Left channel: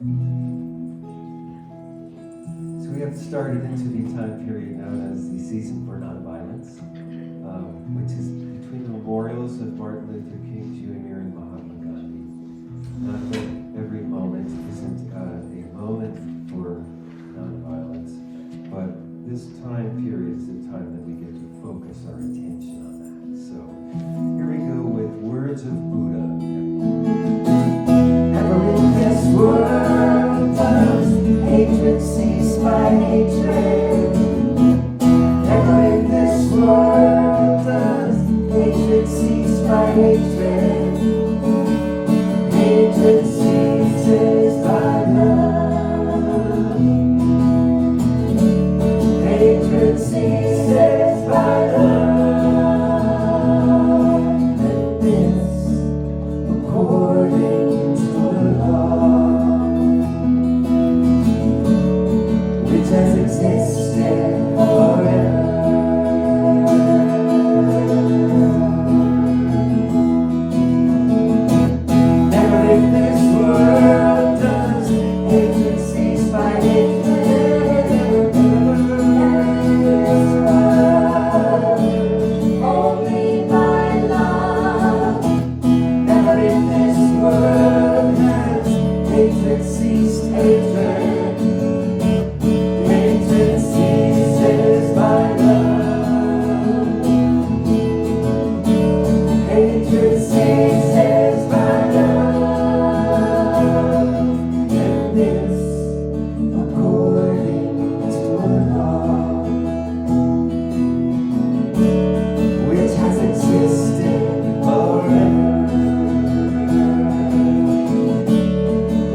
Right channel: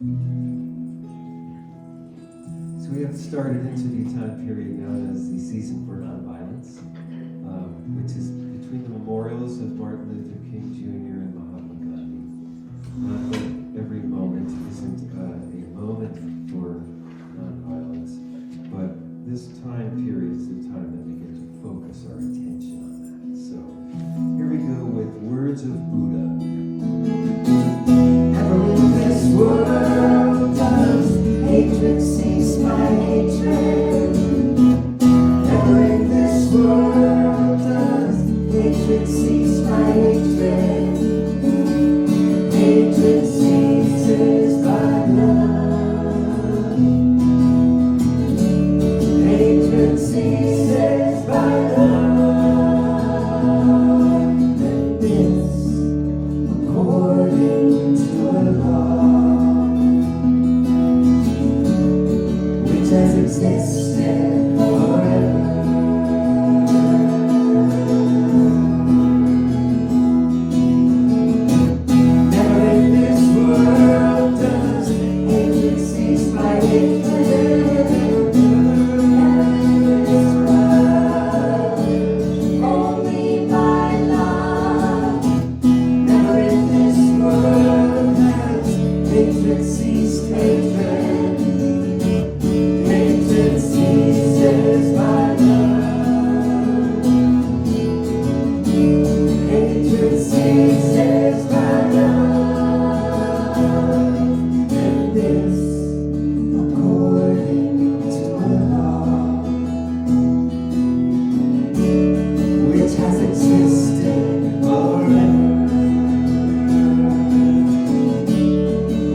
So we have started into the time period known as the Season for Nonviolence, which is between the memorials of Martin Luther King Jr. and Mahatma Gandhi. Not that every moment isn't a moment for nonviolence, but this time period is the time that we get to focus our attention on that. So here we go with Words of Buddha. Never in this world does hatred cease by hatred. Never in this world does hatred cease by hatred. Hatred ceases by love. Hatred ceases by love. And this, according to a law which has existed forever. Never in this world does hatred cease by hatred. Never in this world, only by love. Never in this world has hatred ceased hatred. Hatred ceases by love. Hatred ceases by love. And this, according to a law which has existed forever.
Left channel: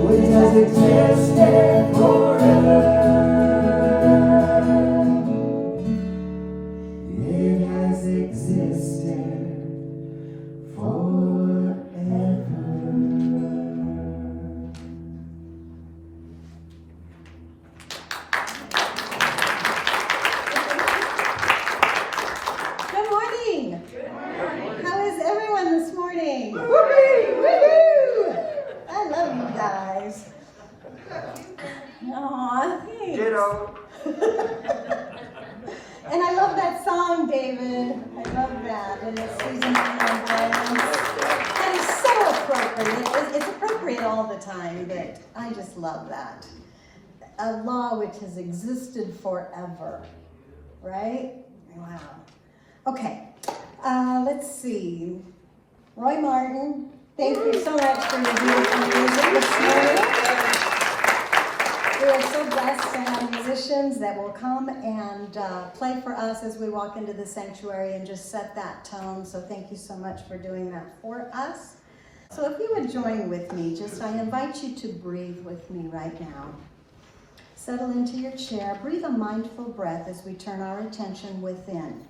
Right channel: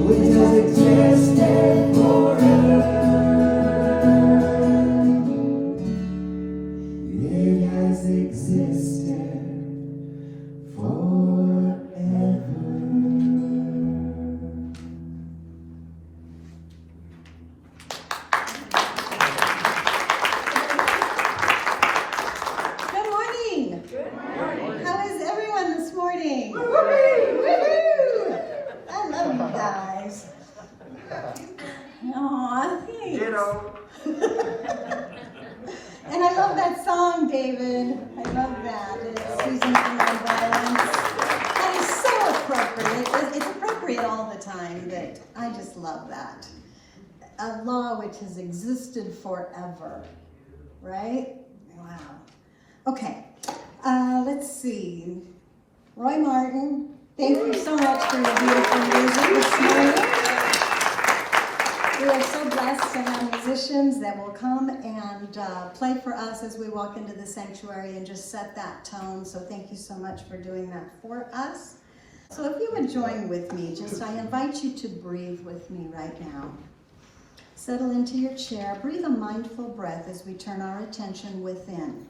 Which has existed forever. It has existed forever. Good morning. How is everyone this morning? Woo-hoo! I love you guys. Aw, thanks. And I love that song, David. I love that. And it's Season for Nonviolence. That is so appropriate. It's appropriate all the time, but I just love that. A law which has existed forever, right? Wow. Okay, let's see. Roy Martin, thank you so much for your beautiful music this morning. We are so blessed to have musicians that will come and play for us as we walk into the sanctuary and just set that tone. So thank you so much for doing that for us. So if you would join with me, I invite you to breathe with me right now. Settle into your chair. Breathe a mindful breath as we turn our attention within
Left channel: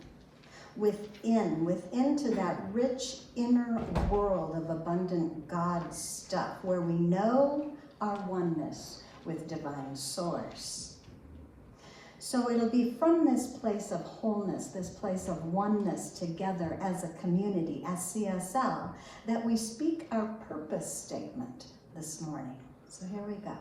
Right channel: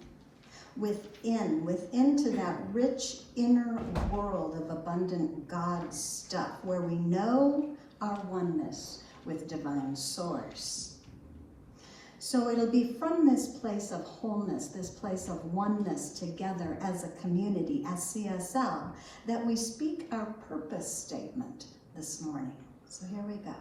to that rich inner world of abundant God stuff where we know our oneness with divine source. So it'll be from this place of wholeness, this place of oneness together as a community, as CSL, that we speak our purpose statement this morning. So here we go.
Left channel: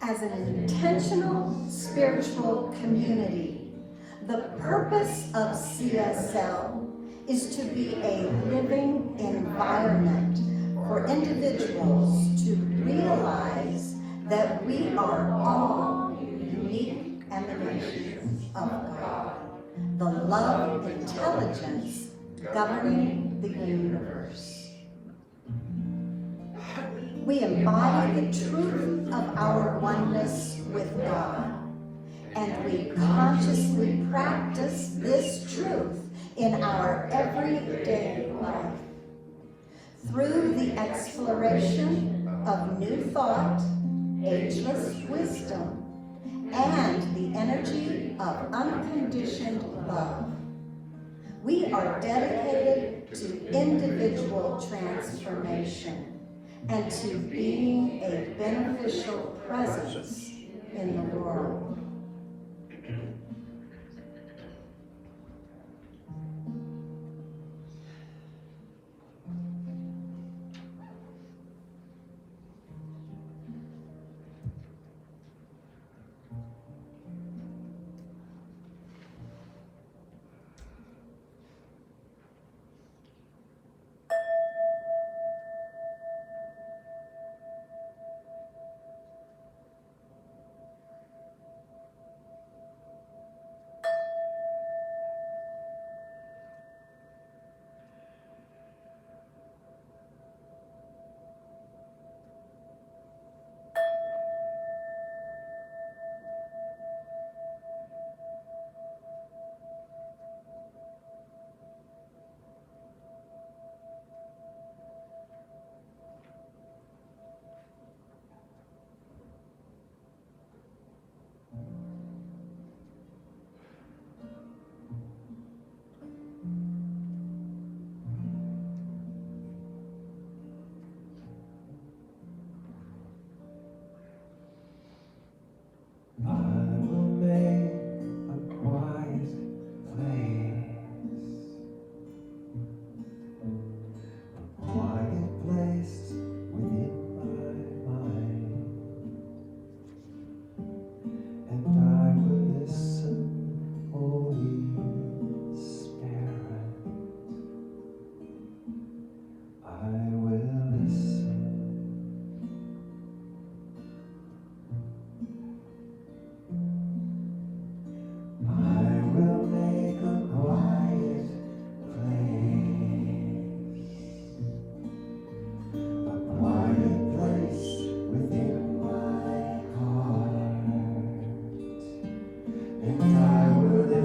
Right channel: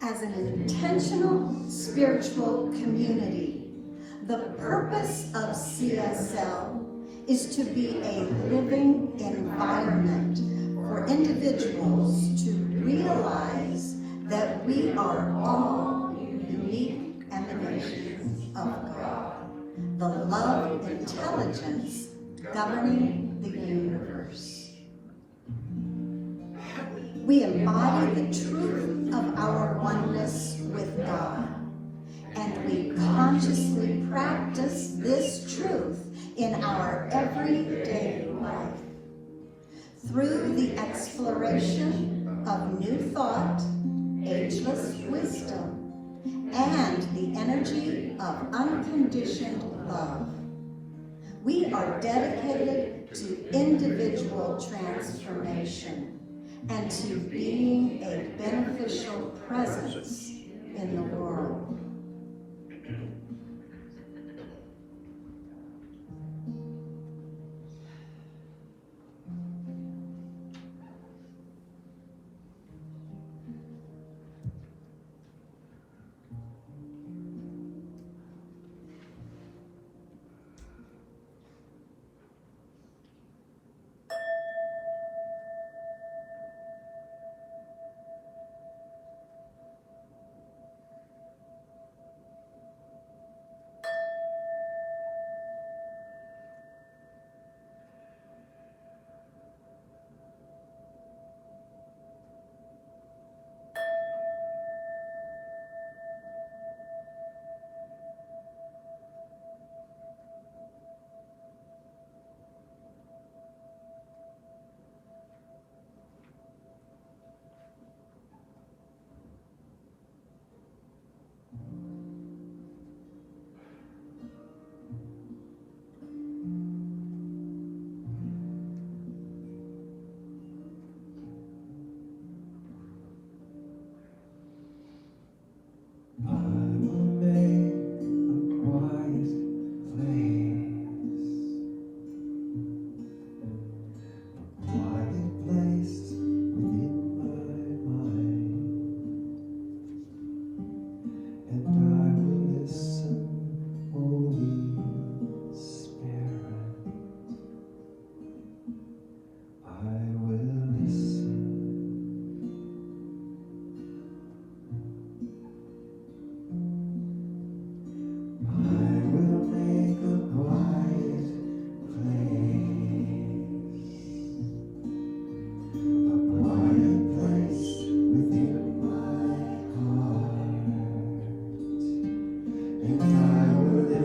As an intentional spiritual community, the purpose of CSL is to be a living environment for individuals to realize that we are all unique emanations of God, the love intelligence governing the universe. We embody the truth of our oneness with God, and we consciously practice this truth in our everyday life through the exploration of new thought, ageless wisdom, and the energy of unconditioned love. We are dedicated to individual transformation and to being a beneficial presence in the world.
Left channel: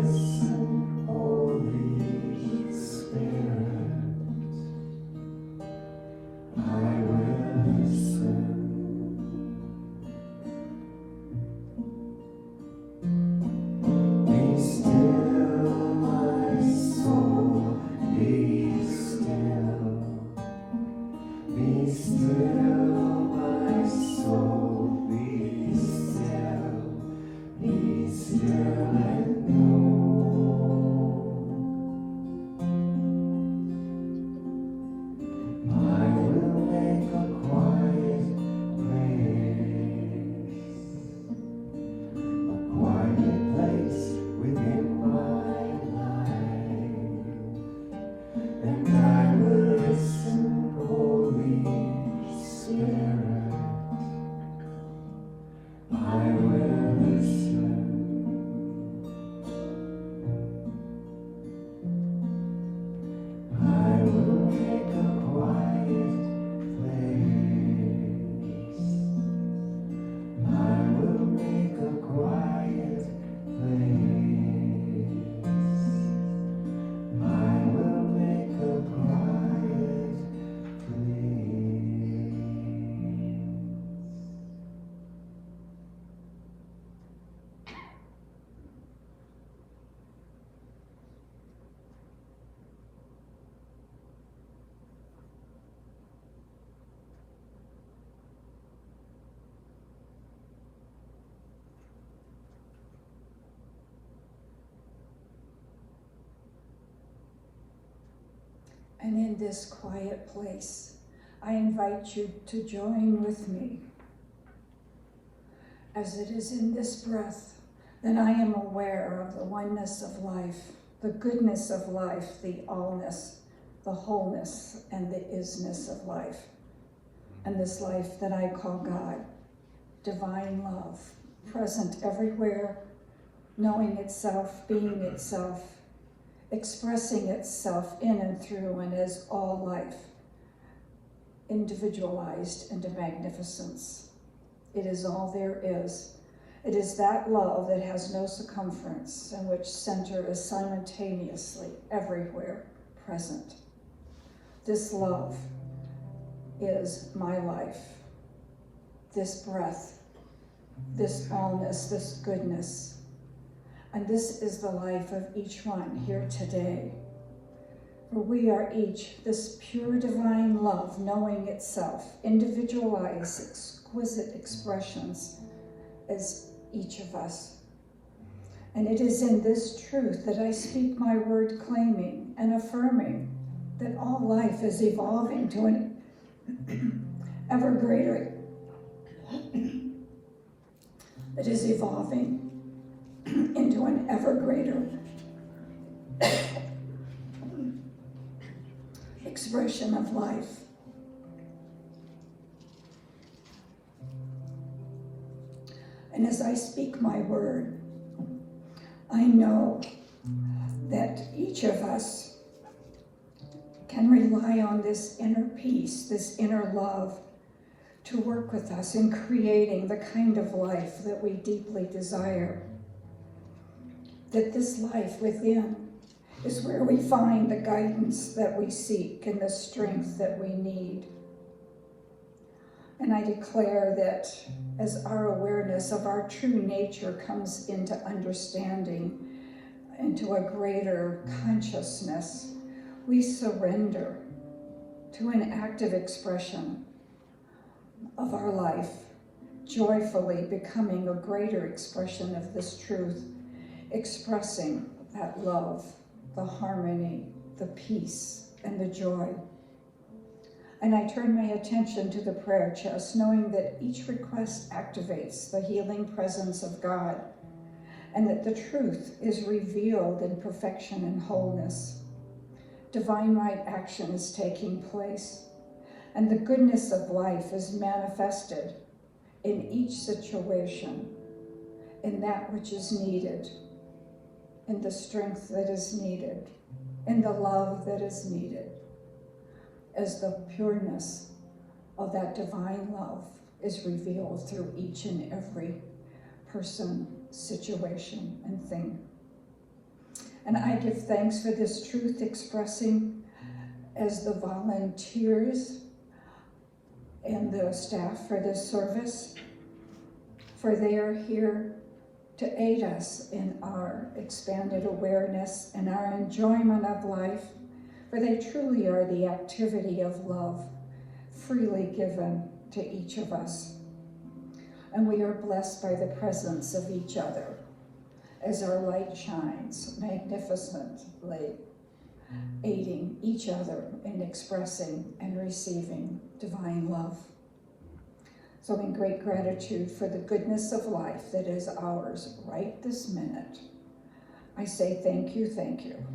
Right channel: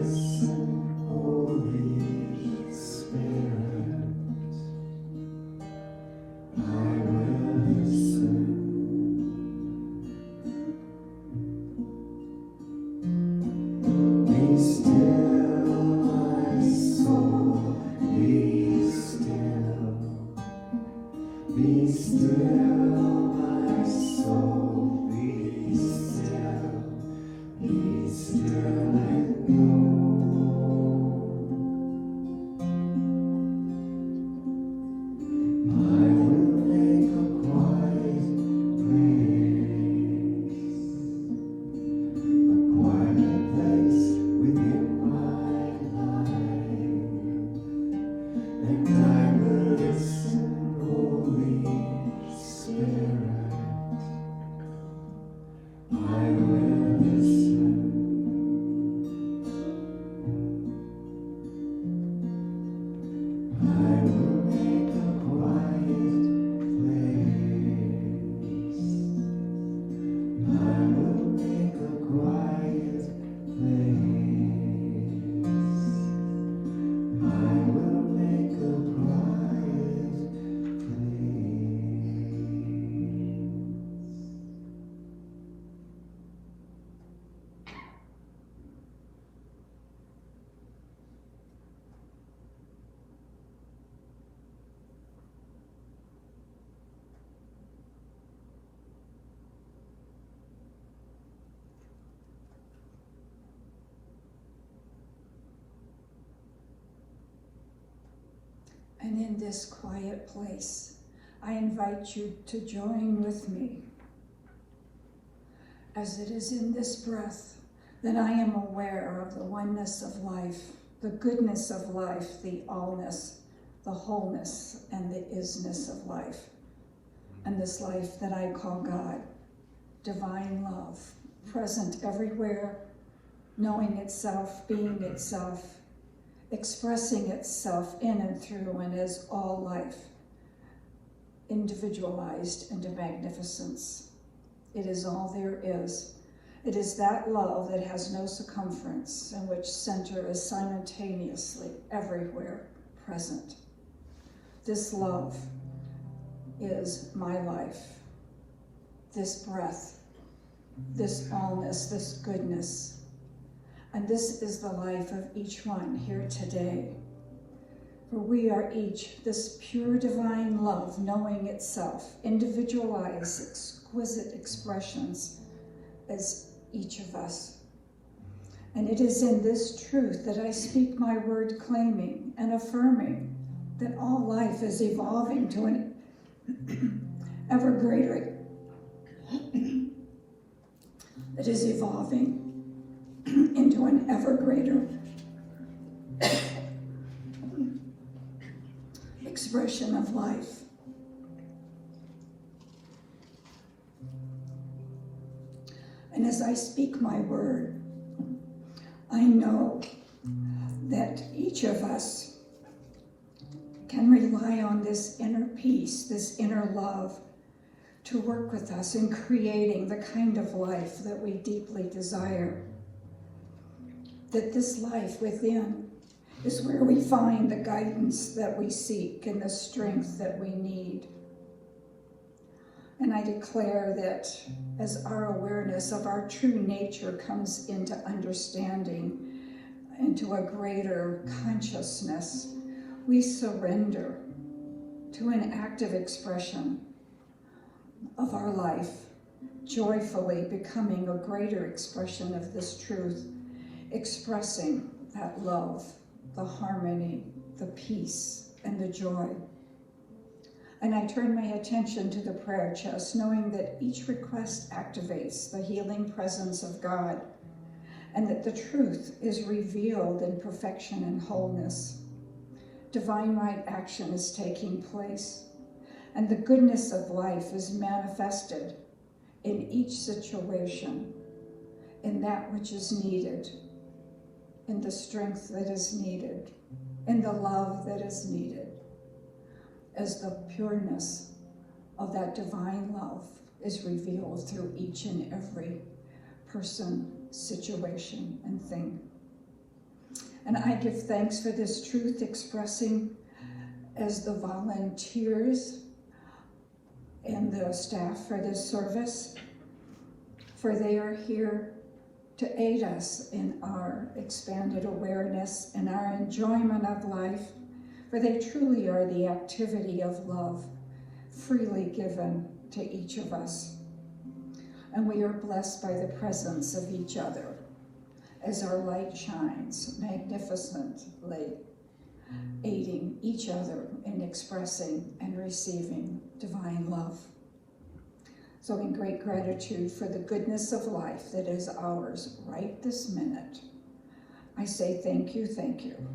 listen, Holy Spirit. I will listen. Be still, my soul, be still. Be still, my soul, be still. Be still and know. I will make a quiet place within my life, and I will listen, Holy Spirit. I will listen. I will make a quiet place. I will make a quiet place. I will make a quiet place. And in this quiet place, I invite you to join with me. As it is in this breath that I am aware of the oneness of life, the goodness of life, the allness, the wholeness, and the isness of life. And this life that I call God, divine love, present everywhere, knowing itself, being itself, expressing itself in and through and as all life, individualized into magnificence. It is all there is. It is that love that has no circumference, in which center is simultaneously everywhere present. This love is my life, this breath, this allness, this goodness. And this is the life of each one here today. For we are each this pure divine love, knowing itself, individualized, exquisite expressions as each of us. And it is in this truth that I speak my word, claiming and affirming that all life is evolving to an ever greater, it is evolving into an ever greater expression of life. And as I speak my word, I know that each of us can rely on this inner peace, this inner love, to work with us in creating the kind of life that we deeply desire. That this life within is where we find the guidance that we seek and the strength that we need. And I declare that as our awareness of our true nature comes into understanding, into a greater consciousness, we surrender to an active expression of our life, joyfully becoming a greater expression of this truth, expressing that love, the harmony, the peace, and the joy. And I turn my attention to the prayer chest, knowing that each request activates the healing presence of God, and that the truth is revealed in perfection and wholeness. Divine right action is taking place, and the goodness of life is manifested in each situation, in that which is needed, in the strength that is needed, in the love that is needed, as the pureness of that divine love is revealed through each and every person, situation, and thing. And I give thanks for this truth expressing as the volunteers and the staff for this service, for they are here to aid us in our expanded awareness and our enjoyment of life, for they truly are the activity of love freely given to each of us. And we are blessed by the presence of each other as our light shines magnificently, aiding each other in expressing and receiving divine love. So in great gratitude for the goodness of life that is ours right this minute, I say thank you,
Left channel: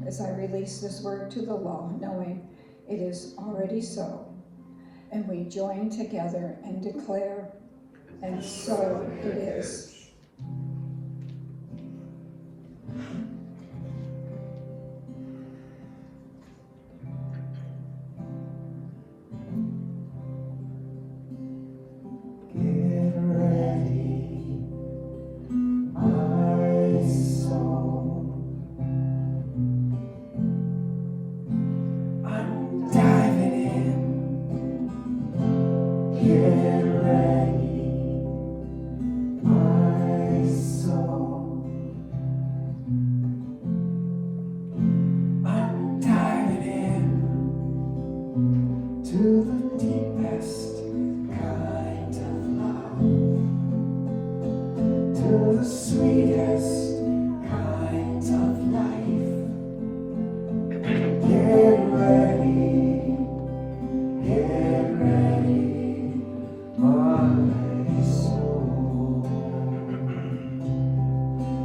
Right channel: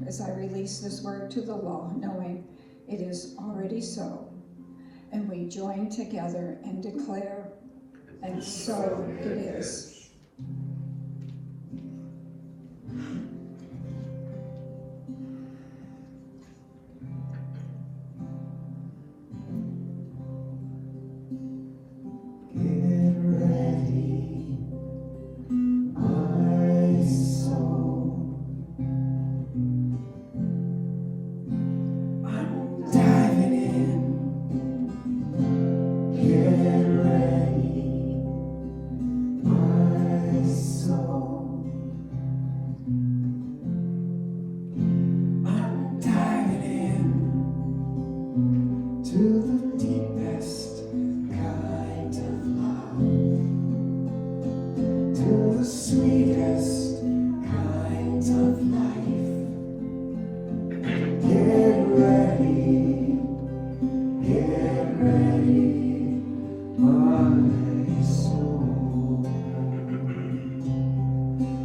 as I release this word to the law, knowing it is already so. And we join together and declare, and so it is. Get ready, my soul. I'm diving in. Get ready, my soul. I'm diving in to the deepest kind of love, to the sweetest kind of life. Get ready, my soul.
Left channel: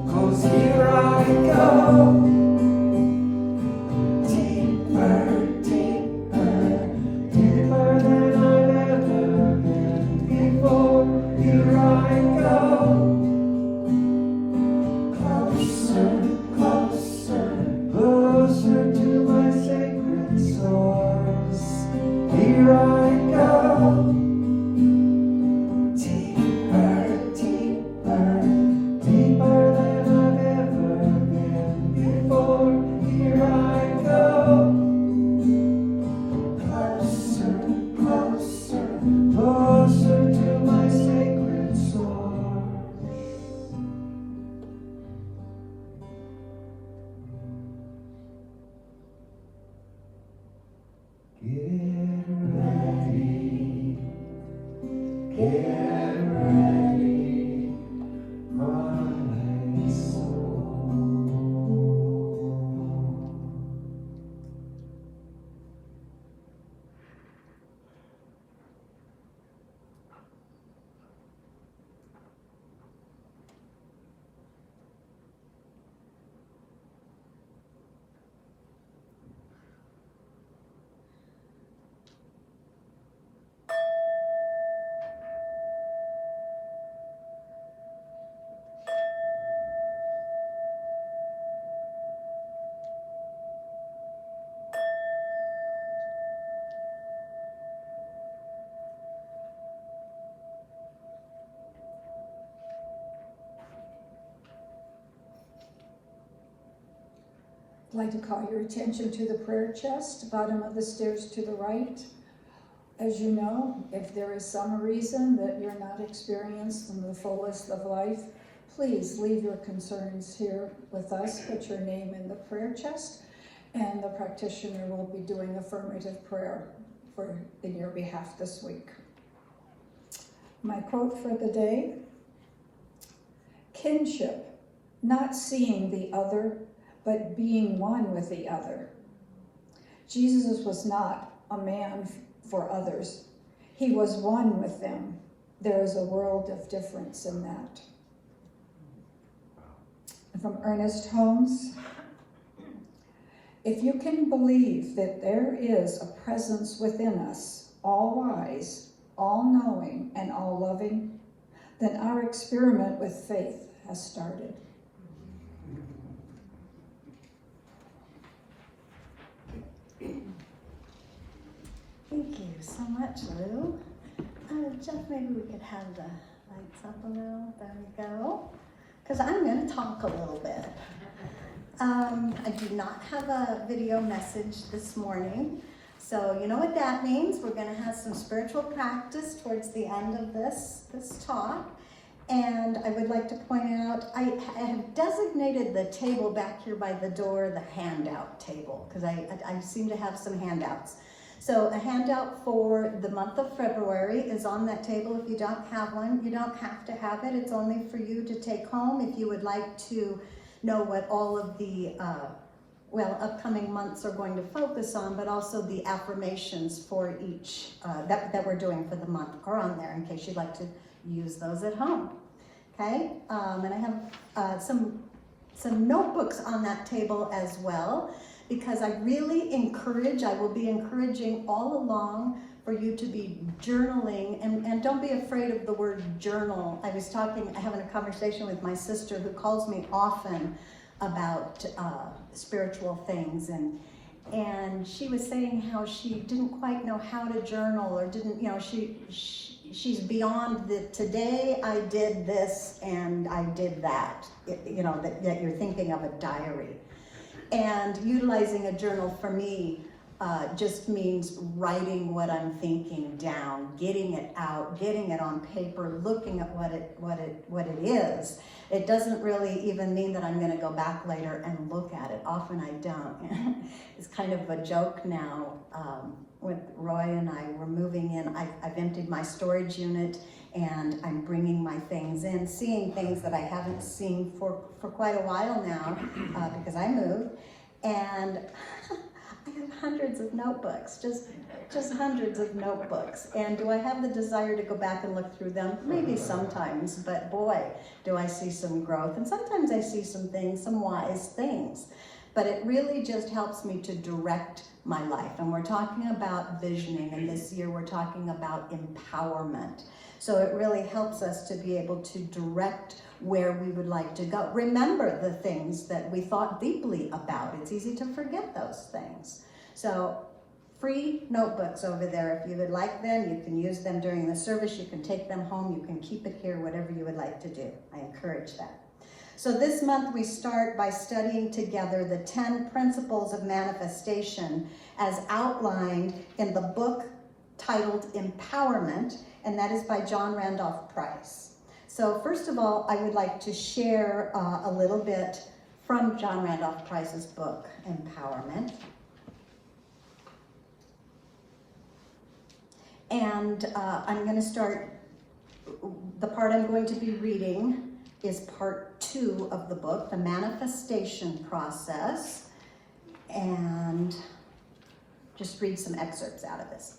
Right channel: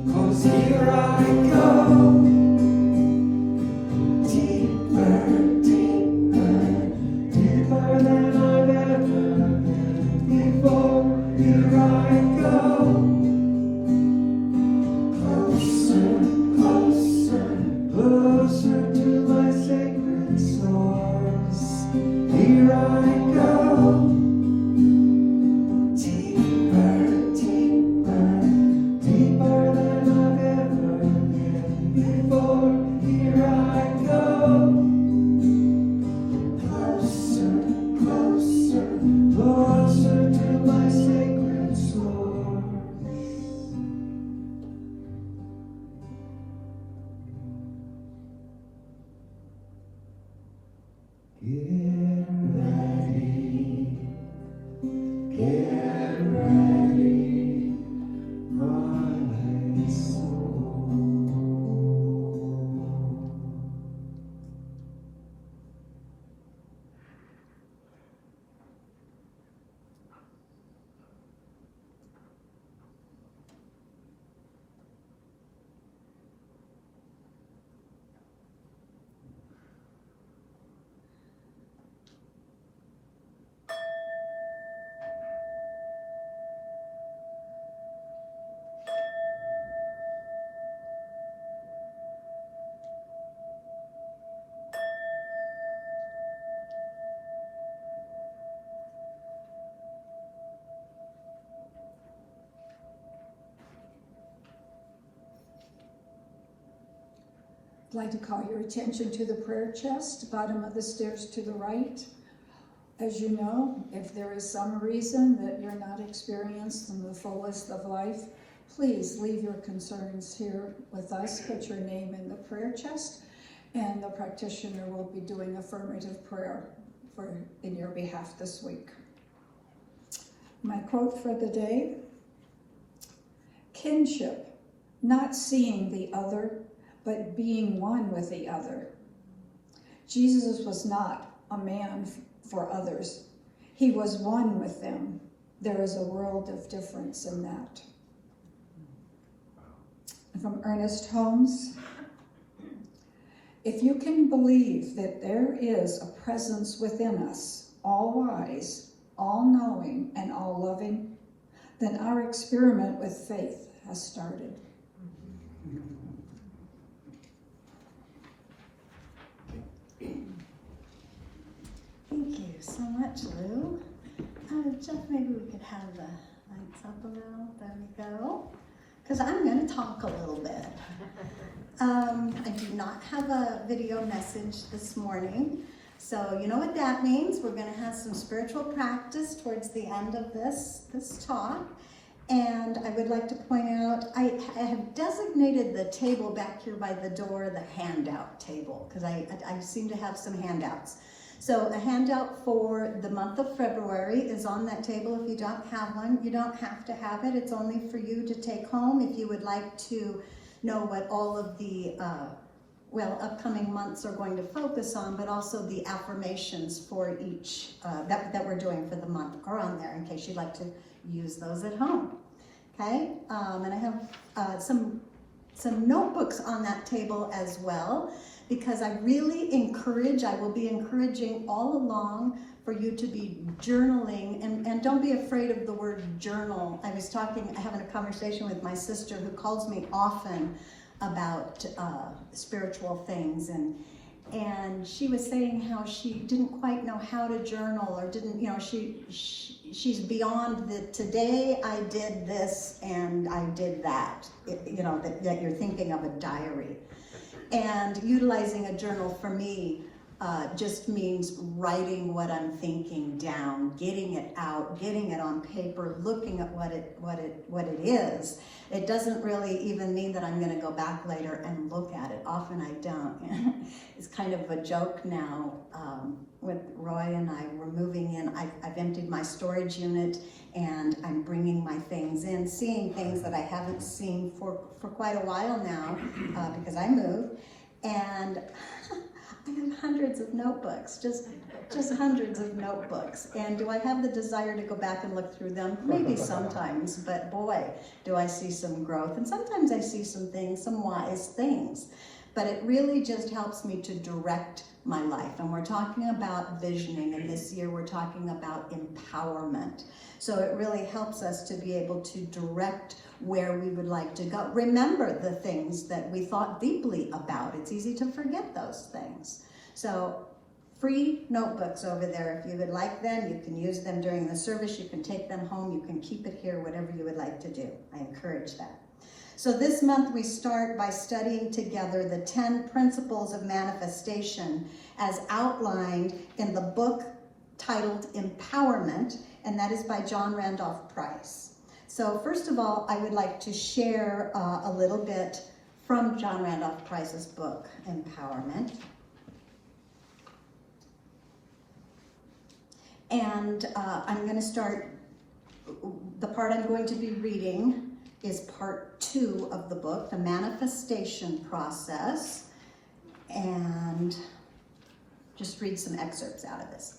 'Cause here I go, deeper, deeper, deeper than I've ever been before. Here I go, closer, closer, closer to my sacred source. Here I go, deeper, deeper, deeper than I've ever been before. Here I go, closer, closer, closer to my sacred source. Get ready, my soul. I'd like to call your attention to the prayer chest, bottom of the stairs to the right. As you know, if there is some reason that you're not experiencing the fullest of life, please leave your concerns here with us. Put your name in the prayer chest, and the practitioner will be doing affirmative prayer in your behalf this week. My quote for the day: kinship, not seeing the other, but being one with the other. Jesus was not a man for others. He was one with them. There is a world of difference in that. And from Ernest Hauze: if you can believe that there is a presence within us, all wise, all knowing, and all loving, then our experiment with faith has started. Thank you so much, Lou. Jeff, maybe we could have the lights up a little. There we go. Because I'm going to talk a little bit. I do not have a video message this morning. So you know what that means. We're going to have some spiritual practice towards the end of this talk. And I would like to point out, I have designated the table back here by the door the handout table, because I seem to have some handouts. So a handout for the month of February is on that table. If you don't have one, you don't have to have it. It's only for you to take home if you would like to know what all of the upcoming months are going to focus on, but also the affirmations for each that we're doing for the month are on there in case you'd like to use those at home. Okay, and I have some notebooks on that table as well, because I really I will be encouraging all along for you to be journaling, and don't be afraid of the word journal. I was having a conversation with my sister who calls me often about spiritual things, and she was saying how she didn't quite know how to journal, or didn't, she's beyond the today I did this and I did that, that you're thinking of a diary. And utilizing a journal for me just means writing what I'm thinking down, getting it out, getting it on paper, looking at what it is. It doesn't really even mean that I'm going to go back later and look at it. Often I don't. It's kind of a joke now. With Roy and I, we're moving in. I've emptied my storage unit, and I'm bringing my things in, seeing things that I haven't seen for quite a while now because I moved. And I have hundreds of notebooks, just hundreds of notebooks. And do I have the desire to go back and look through them? Maybe sometimes, but boy, do I see some growth. And sometimes I see some things, some wise things. But it really just helps me to direct my life. And we're talking about visioning, and this year we're talking about empowerment. So it really helps us to be able to direct where we would like to go. Remember the things that we thought deeply about. It's easy to forget those things. So free notebooks over there. If you would like them, you can use them during the service. You can take them home. You can keep it here, whatever you would like to do. I encourage that. So this month we start by studying together the 10 principles of manifestation as outlined in the book titled Empowerment, and that is by John Randolph Price. So first of all, I would like to share a little bit from John Randolph Price's book, Empowerment. And I'm going to start, the part I'm going to be reading is part 2 of the book, the manifestation process, and just read some excerpts out of this.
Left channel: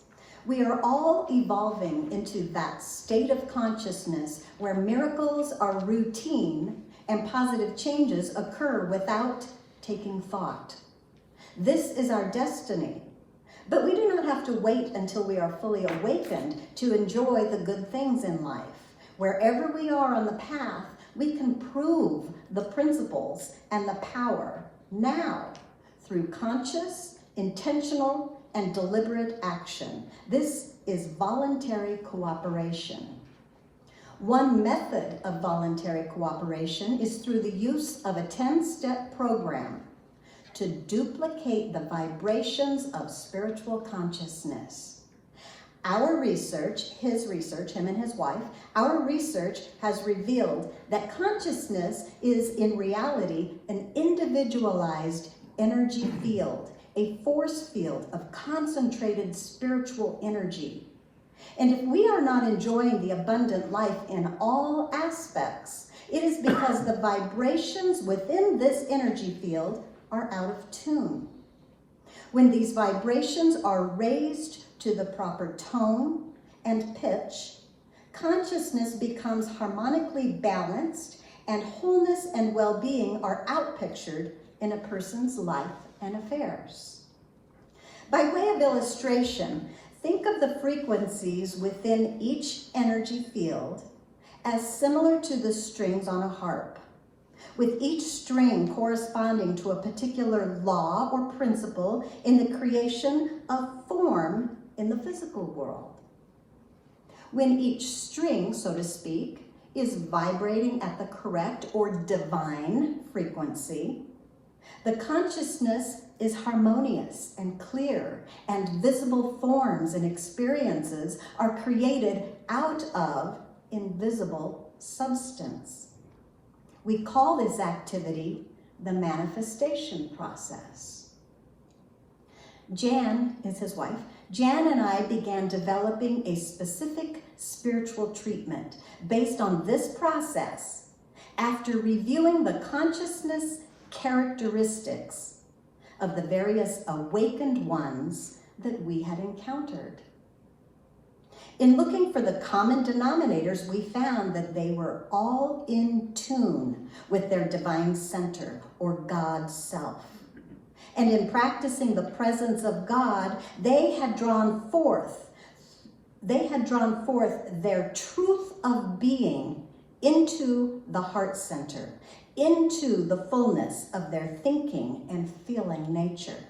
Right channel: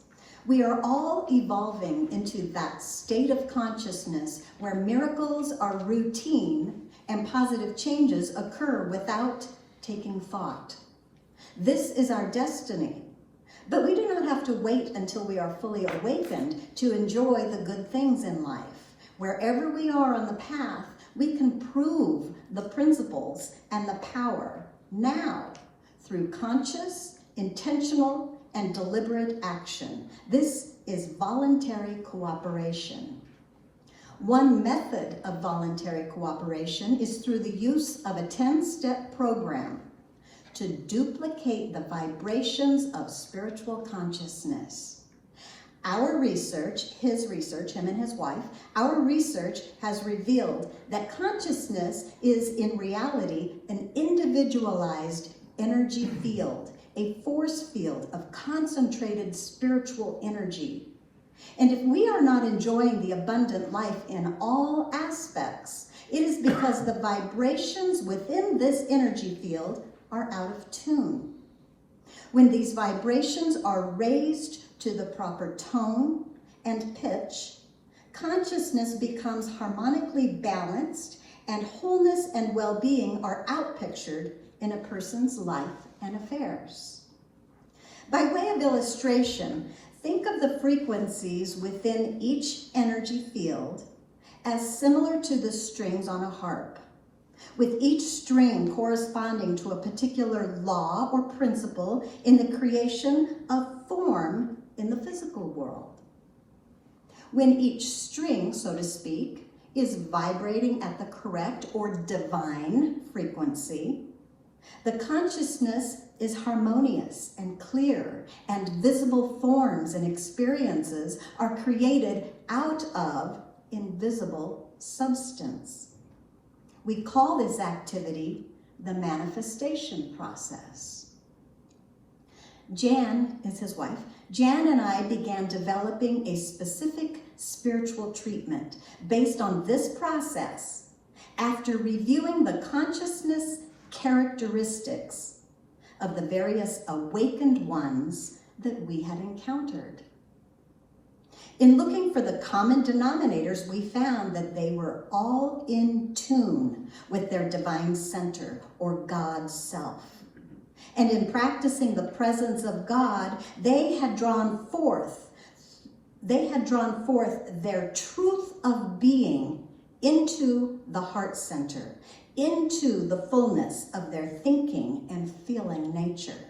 We are all evolving into that state of consciousness where miracles are routine and positive changes occur without taking thought. This is our destiny, but we do not have to wait until we are fully awakened to enjoy the good things in life. Wherever we are on the path, we can prove the principles and the power now through conscious, intentional, and deliberate action. This is voluntary cooperation. One method of voluntary cooperation is through the use of a 10-step program to duplicate the vibrations of spiritual consciousness. Our research, him and his wife, our research has revealed that consciousness is in reality an individualized energy field, a force field of concentrated spiritual energy. And if we are not enjoying the abundant life in all aspects, it is because the vibrations within this energy field are out of tune. When these vibrations are raised to the proper tone and pitch, consciousness becomes harmonically balanced, and wholeness and well-being are outpictured in a person's life and affairs. By way of illustration, think of the frequencies within each energy field as similar to the strings on a harp, with each string corresponding to a particular law or principle in the creation of form in the physical world. When each string, so to speak, is vibrating at the correct or divine frequency, The consciousness is harmonious and clear, and visible forms and experiences are created out of invisible substance. We call this activity the manifestation process. Jan is his wife. Jan and I began developing a specific spiritual treatment based on this process after reviewing the consciousness characteristics of the various awakened ones that we had encountered. In looking for the common denominators, we found that they were all in tune with their divine center or God self. And in practicing the presence of God, they had drawn forth their truth of being into the heart center, into the fullness of their thinking and feeling nature.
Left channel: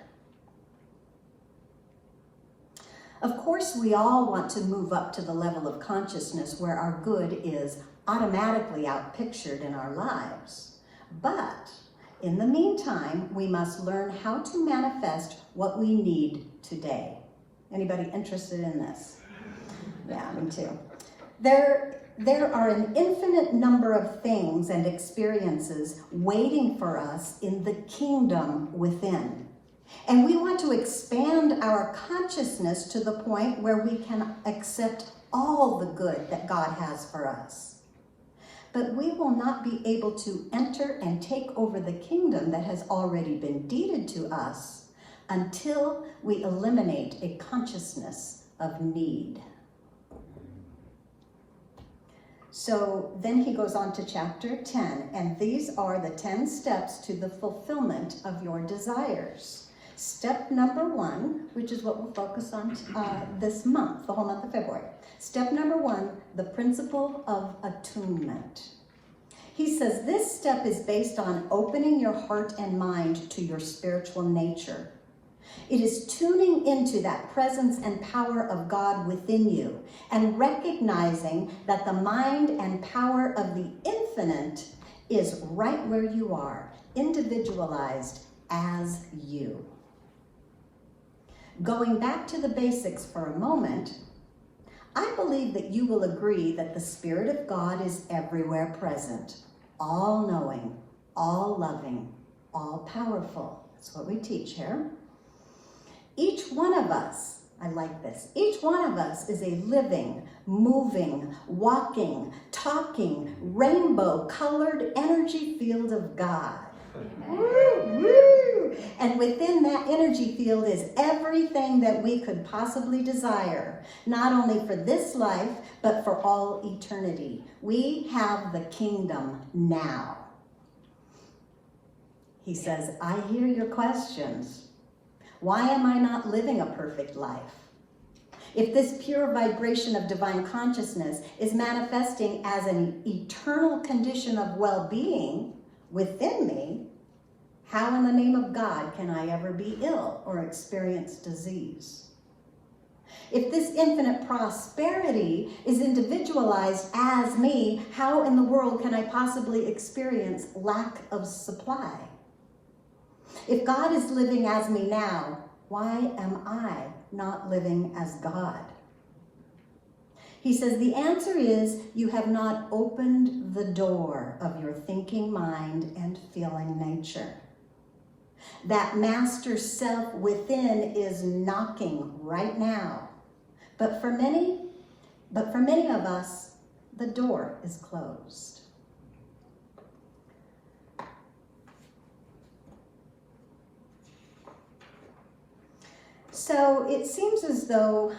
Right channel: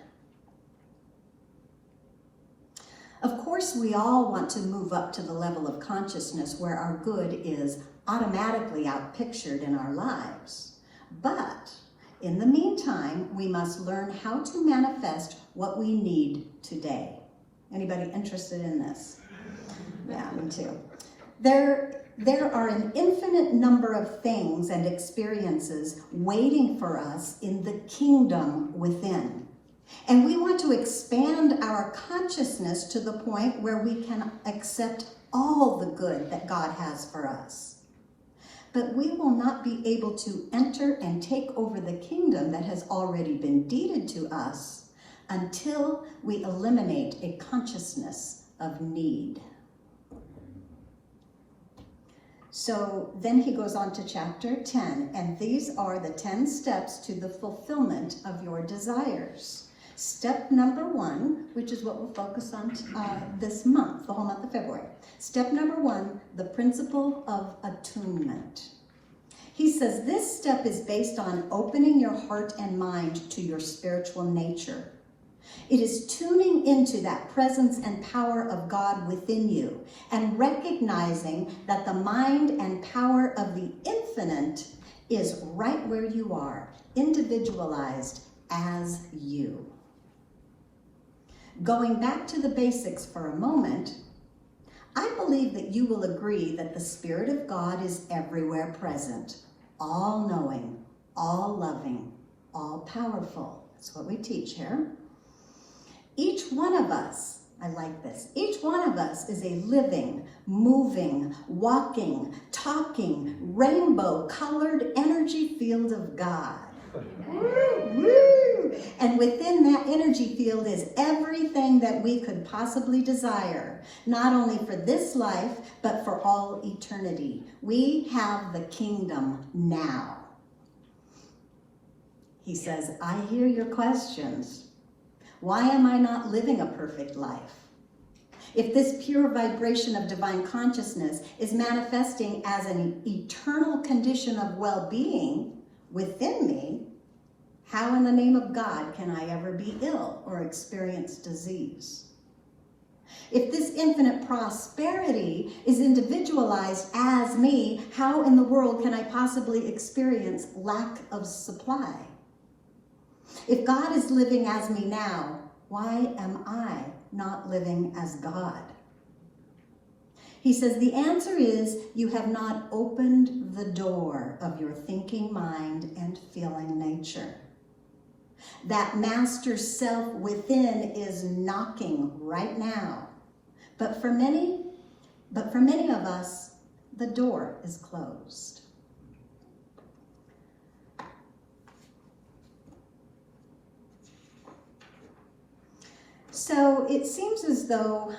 Of course, we all want to move up to the level of consciousness where our good is automatically outpictured in our lives. But in the meantime, we must learn how to manifest what we need today. Anybody interested in this? Yeah, me too. There are an infinite number of things and experiences waiting for us in the kingdom within. And we want to expand our consciousness to the point where we can accept all the good that God has for us. But we will not be able to enter and take over the kingdom that has already been deeded to us until we eliminate a consciousness of need. So then he goes on to chapter 10, and these are the 10 steps to the fulfillment of your desires. Step number 1, which is what we'll focus on this month, the whole month of February. Step number 1, the principle of attunement. He says this step is based on opening your heart and mind to your spiritual nature. It is tuning into that presence and power of God within you and recognizing that the mind and power of the infinite is right where you are, individualized as you. Going back to the basics for a moment, I believe that you will agree that the Spirit of God is everywhere present, all-knowing, all-loving, all-powerful. That's what we teach here. Each one of us, I like this, each one of us is a living, moving, walking, talking, rainbow-colored energy field of God. And within that energy field is everything that we could possibly desire, not only for this life, but for all eternity. We have the kingdom now. He says, I hear your questions. Why am I not living a perfect life? If this pure vibration of divine consciousness is manifesting as an eternal condition of well-being within me, how in the name of God can I ever be ill or experience disease? If this infinite prosperity is individualized as me, how in the world can I possibly experience lack of supply? If God is living as me now, why am I not living as God? He says the answer is you have not opened the door of your thinking mind and feeling nature. That master self within is knocking right now. But for many of us, the door is closed. So it seems as though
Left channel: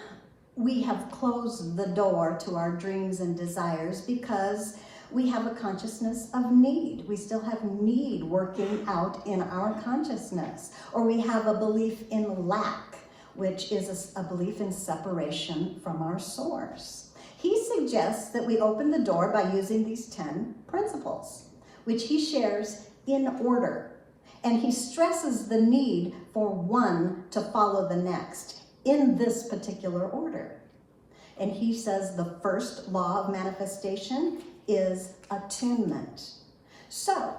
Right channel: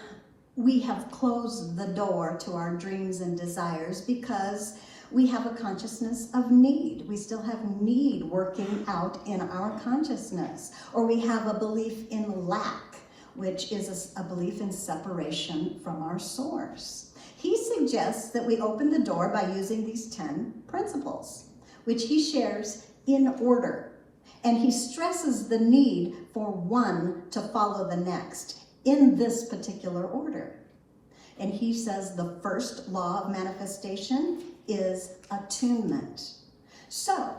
we have closed the door to our dreams and desires because we have a consciousness of need. We still have need working out in our consciousness. Or we have a belief in lack, which is a belief in separation from our source. He suggests that we open the door by using these 10 principles, which he shares in order. And he stresses the need for one to follow the next in this particular order. And he says the first law of manifestation is attunement. So,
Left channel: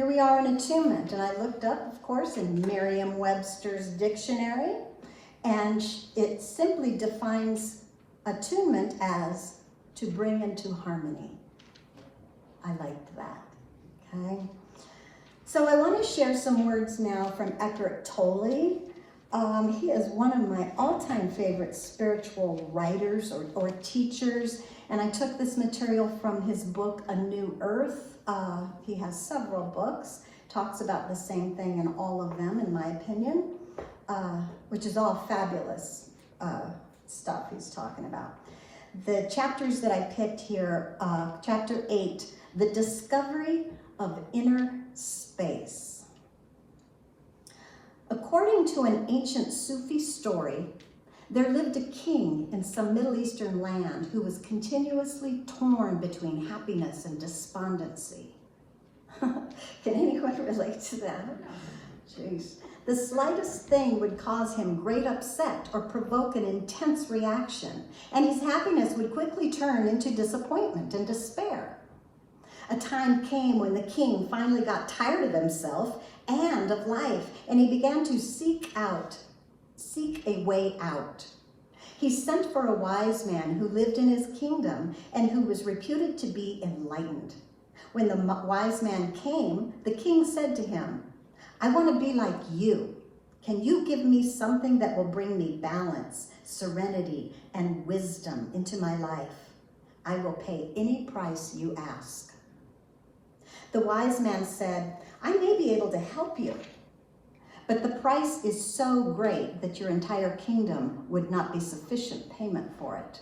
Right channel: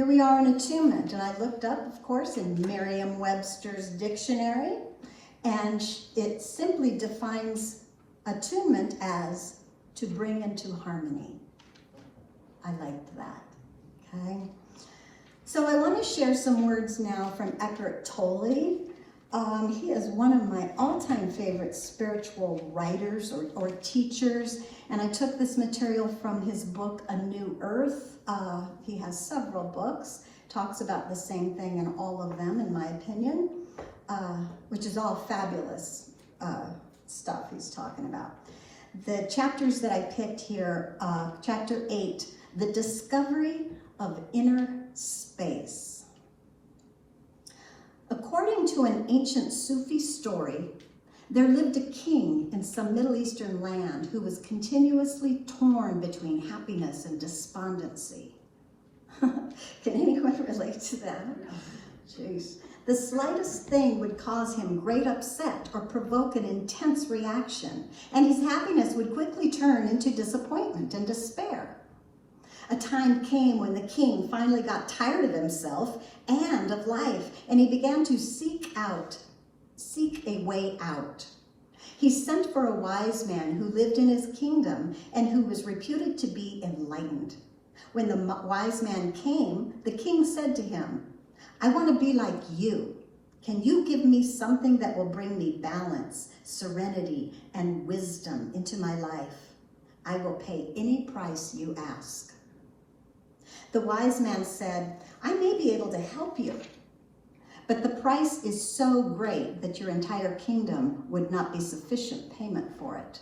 here we are in Attunement, and I looked up, of course, in Merriam-Webster's dictionary, and it simply defines attunement as to bring into harmony. I liked that, okay? So I want to share some words now from Eckhart Tolle. He is one of my all-time favorite spiritual writers or teachers, and I took this material from his book, A New Earth. He has several books, talks about the same thing in all of them, in my opinion, which is all fabulous stuff he's talking about. The chapters that I picked here, chapter 8, The Discovery of Inner Space. According to an ancient Sufi story, there lived a king in some Middle Eastern land who was continuously torn between happiness and despondency. Can anyone relate to that? Jeez. The slightest thing would cause him great upset or provoke an intense reaction, and his happiness would quickly turn into disappointment and despair. A time came when the king finally got tired of himself and of life, and he began to seek a way out. He sent for a wise man who lived in his kingdom and who was reputed to be enlightened. When the wise man came, the king said to him, "I want to be like you. Can you give me something that will bring me balance, serenity, and wisdom into my life? I will pay any price you ask." The wise man said, "I may be able to help you, but the price is so great that your entire kingdom would not be sufficient payment for it.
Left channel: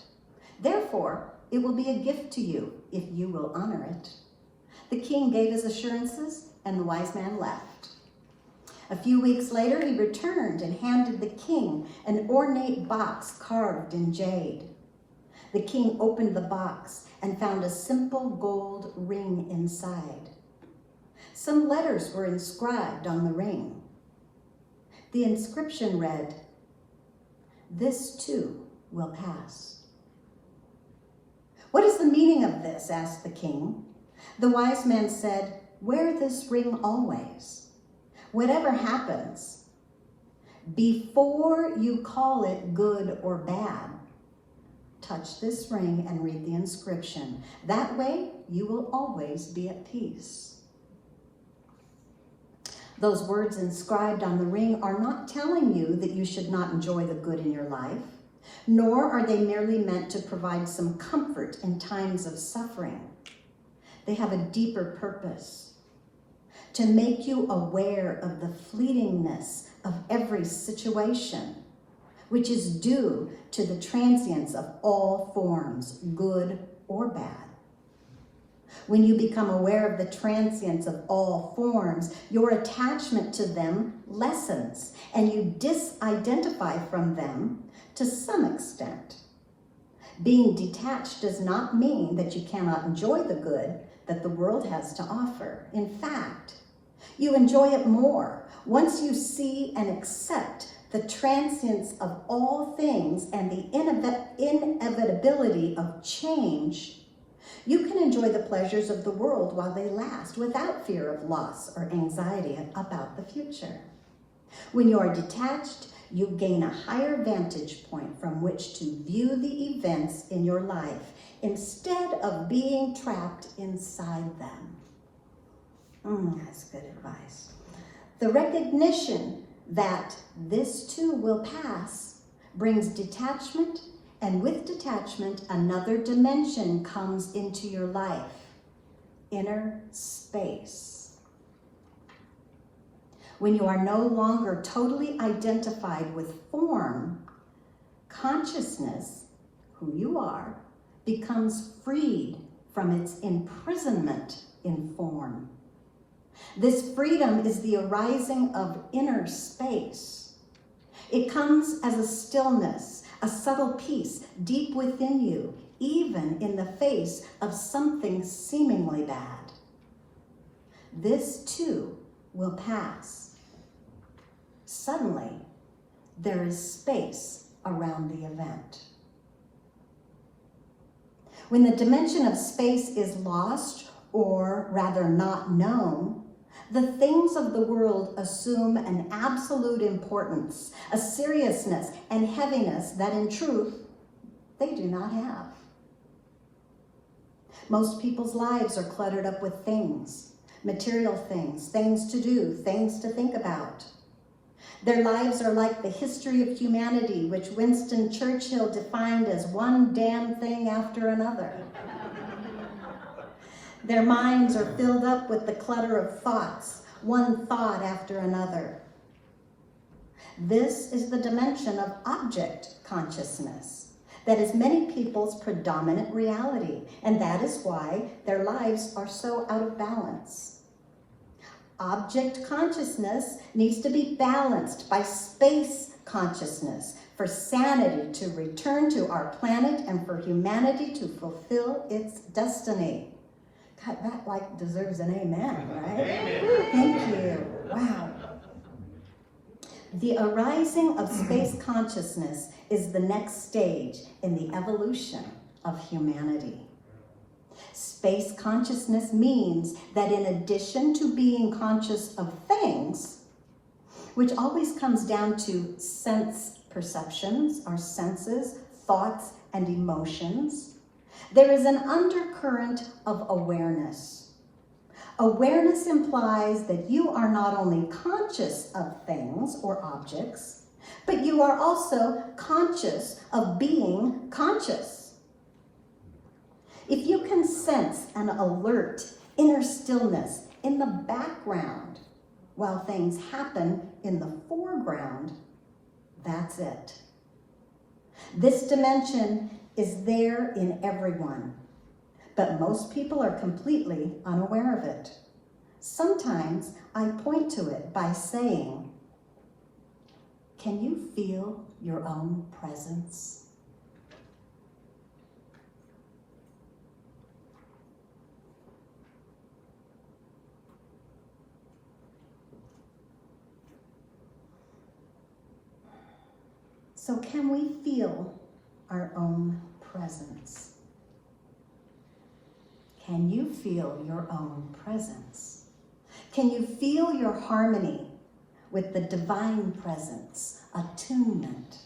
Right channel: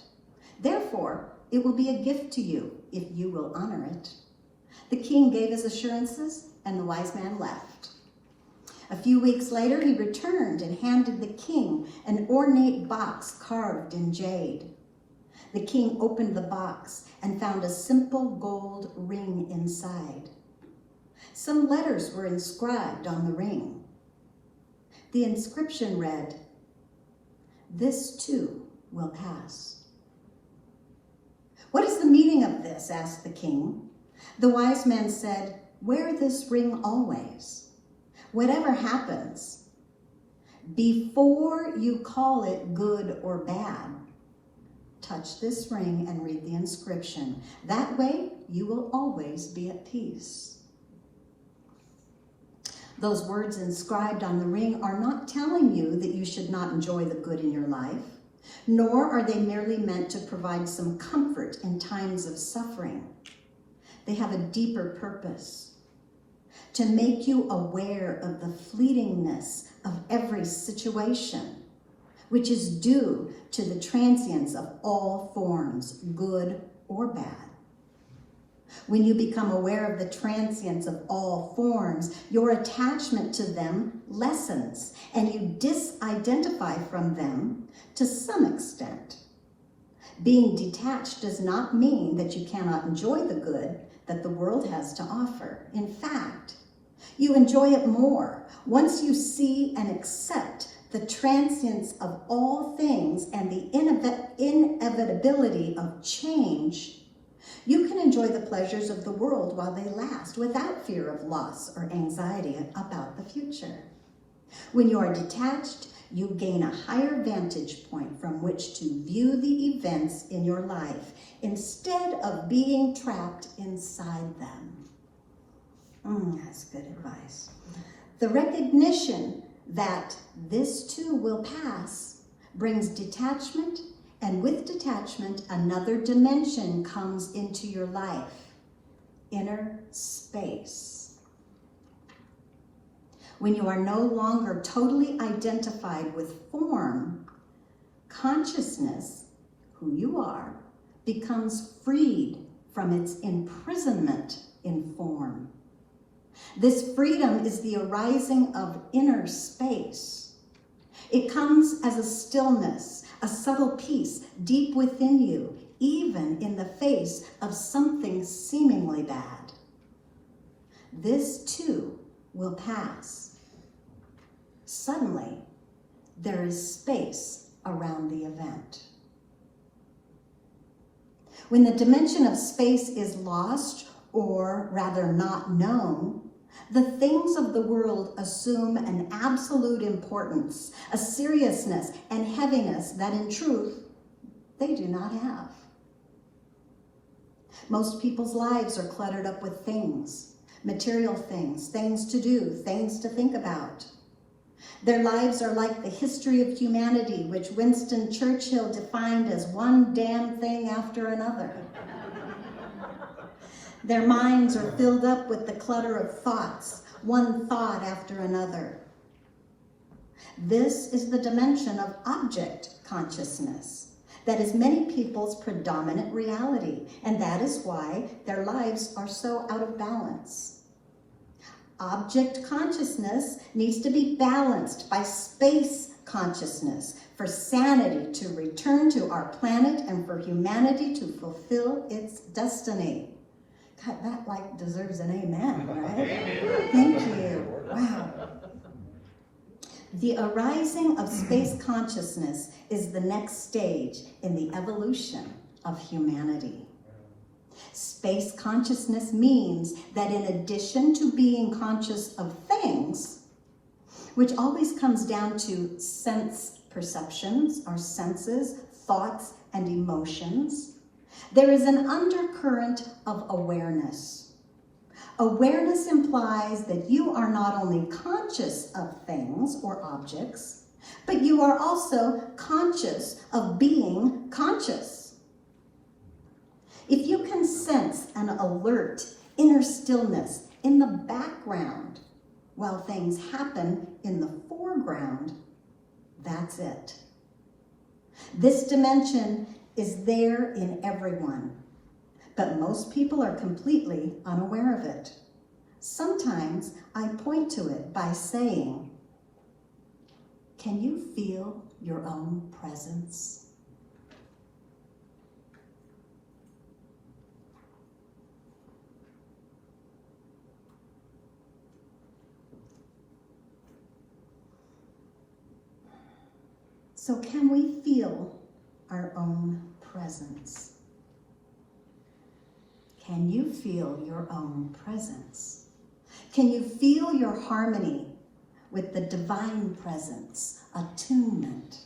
Therefore, it will be a gift to you if you will honor it." The king gave his assurances, and the wise man left. A few weeks later, he returned and handed the king an ornate box carved in jade. The king opened the box and found a simple gold ring inside. Some letters were inscribed on the ring. The inscription read, "This too will pass." "What is the meaning of this?" asked the king. The wise man said, "Wear this ring always. Whatever happens, before you call it good or bad, touch this ring and read the inscription. That way, you will always be at peace." Those words inscribed on the ring are not telling you that you should not enjoy the good in your life, nor are they merely meant to provide some comfort in times of suffering. They have a deeper purpose, to make you aware of the fleetingness of every situation, which is due to the transience of all forms, good or bad. When you become aware of the transience of all forms, your attachment to them lessens, and you disidentify from them to some extent. Being detached does not mean that you cannot enjoy the good that the world has to offer. In fact, you enjoy it more once you see and accept the transience of all things and the inevitability of change. You can enjoy the pleasures of the world while they last without fear of loss or anxiety about the future. When you are detached, you gain a higher vantage point from which to view the events in your life instead of being trapped inside them. That's good advice. The recognition that this too will pass brings detachment, and with detachment, another dimension comes into your life: inner space. When you are no longer totally identified with form, consciousness, who you are, becomes freed from its imprisonment in form. This freedom is the arising of inner space. It comes as a stillness, a subtle peace deep within you, even in the face of something seemingly bad. This too will pass. Suddenly, there is space around the event. When the dimension of space is lost, or rather not known, The things of the world assume an absolute importance, a seriousness and heaviness that in truth they do not have. Most people's lives are cluttered up with things, material things, things to do, things to think about. Their lives are like the history of humanity, which Winston Churchill defined as one damn thing after another. Their minds are filled up with the clutter of thoughts, one thought after another. This is the dimension of object consciousness. That is many people's predominant reality, and that is why their lives are so out of balance. Object consciousness needs to be balanced by space consciousness for sanity to return to our planet and for humanity to fulfill its destiny. God, that deserves an amen, right? Thank you. Wow. The arising of space consciousness is the next stage in the evolution of humanity. Space consciousness means that in addition to being conscious of things, which always comes down to sense perceptions, our senses, thoughts, and emotions, there is an undercurrent of awareness. Awareness implies that you are not only conscious of things or objects, but you are also conscious of being conscious. If you can sense an alert inner stillness in the background while things happen in the foreground, that's it. This dimension is there in everyone, but most people are completely unaware of it. Sometimes I point to it by saying, can you feel your own presence? So can we feel our own presence? Can you feel your own presence? Can you feel your harmony with the divine presence, attunement?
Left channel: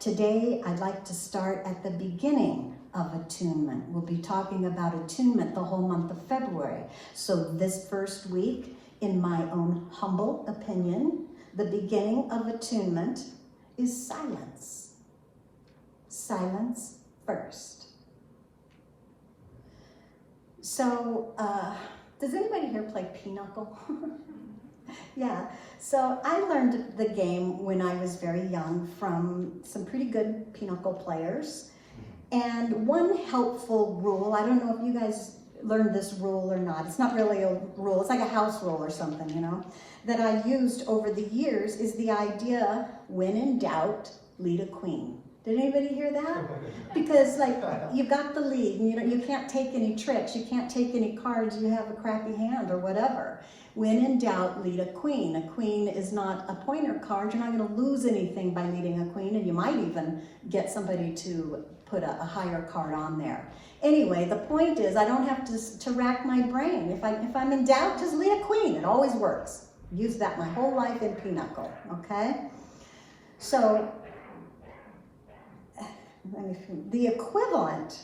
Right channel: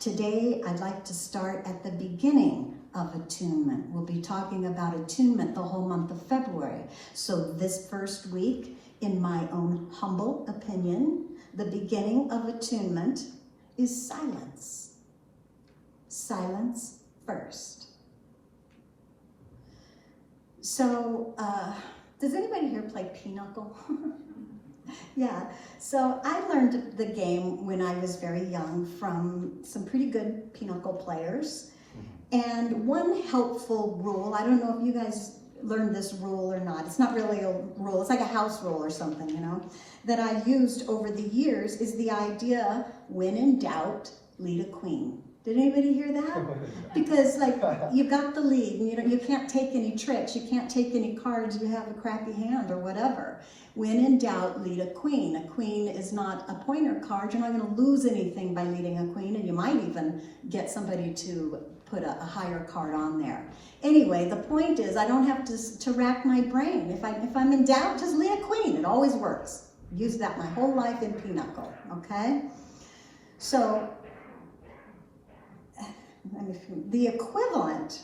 Today, I'd like to start at the beginning of attunement. We'll be talking about attunement the whole month of February. So this first week, in my own humble opinion, the beginning of attunement is silence. Silence first. So, does anybody here play pinochle? Yeah, so I learned the game when I was very young from some pretty good pinochle players. And one helpful rule, I don't know if you guys learned this rule or not, it's not really a rule, it's like a house rule or something, you know, that I used over the years is the idea, when in doubt, lead a queen. Did anybody hear that? Because like, you got the lead, and you can't take any tricks, you can't take any cards, you have a crappy hand or whatever. When in doubt, lead a queen. A queen is not a pointer card, you're not gonna lose anything by leading a queen, and you might even get somebody to put a higher card on there. Anyway, the point is, I don't have to rack my brain. If I'm in doubt, just lead a queen, it always works. Use that my whole life in pinochle, okay? So, the equivalent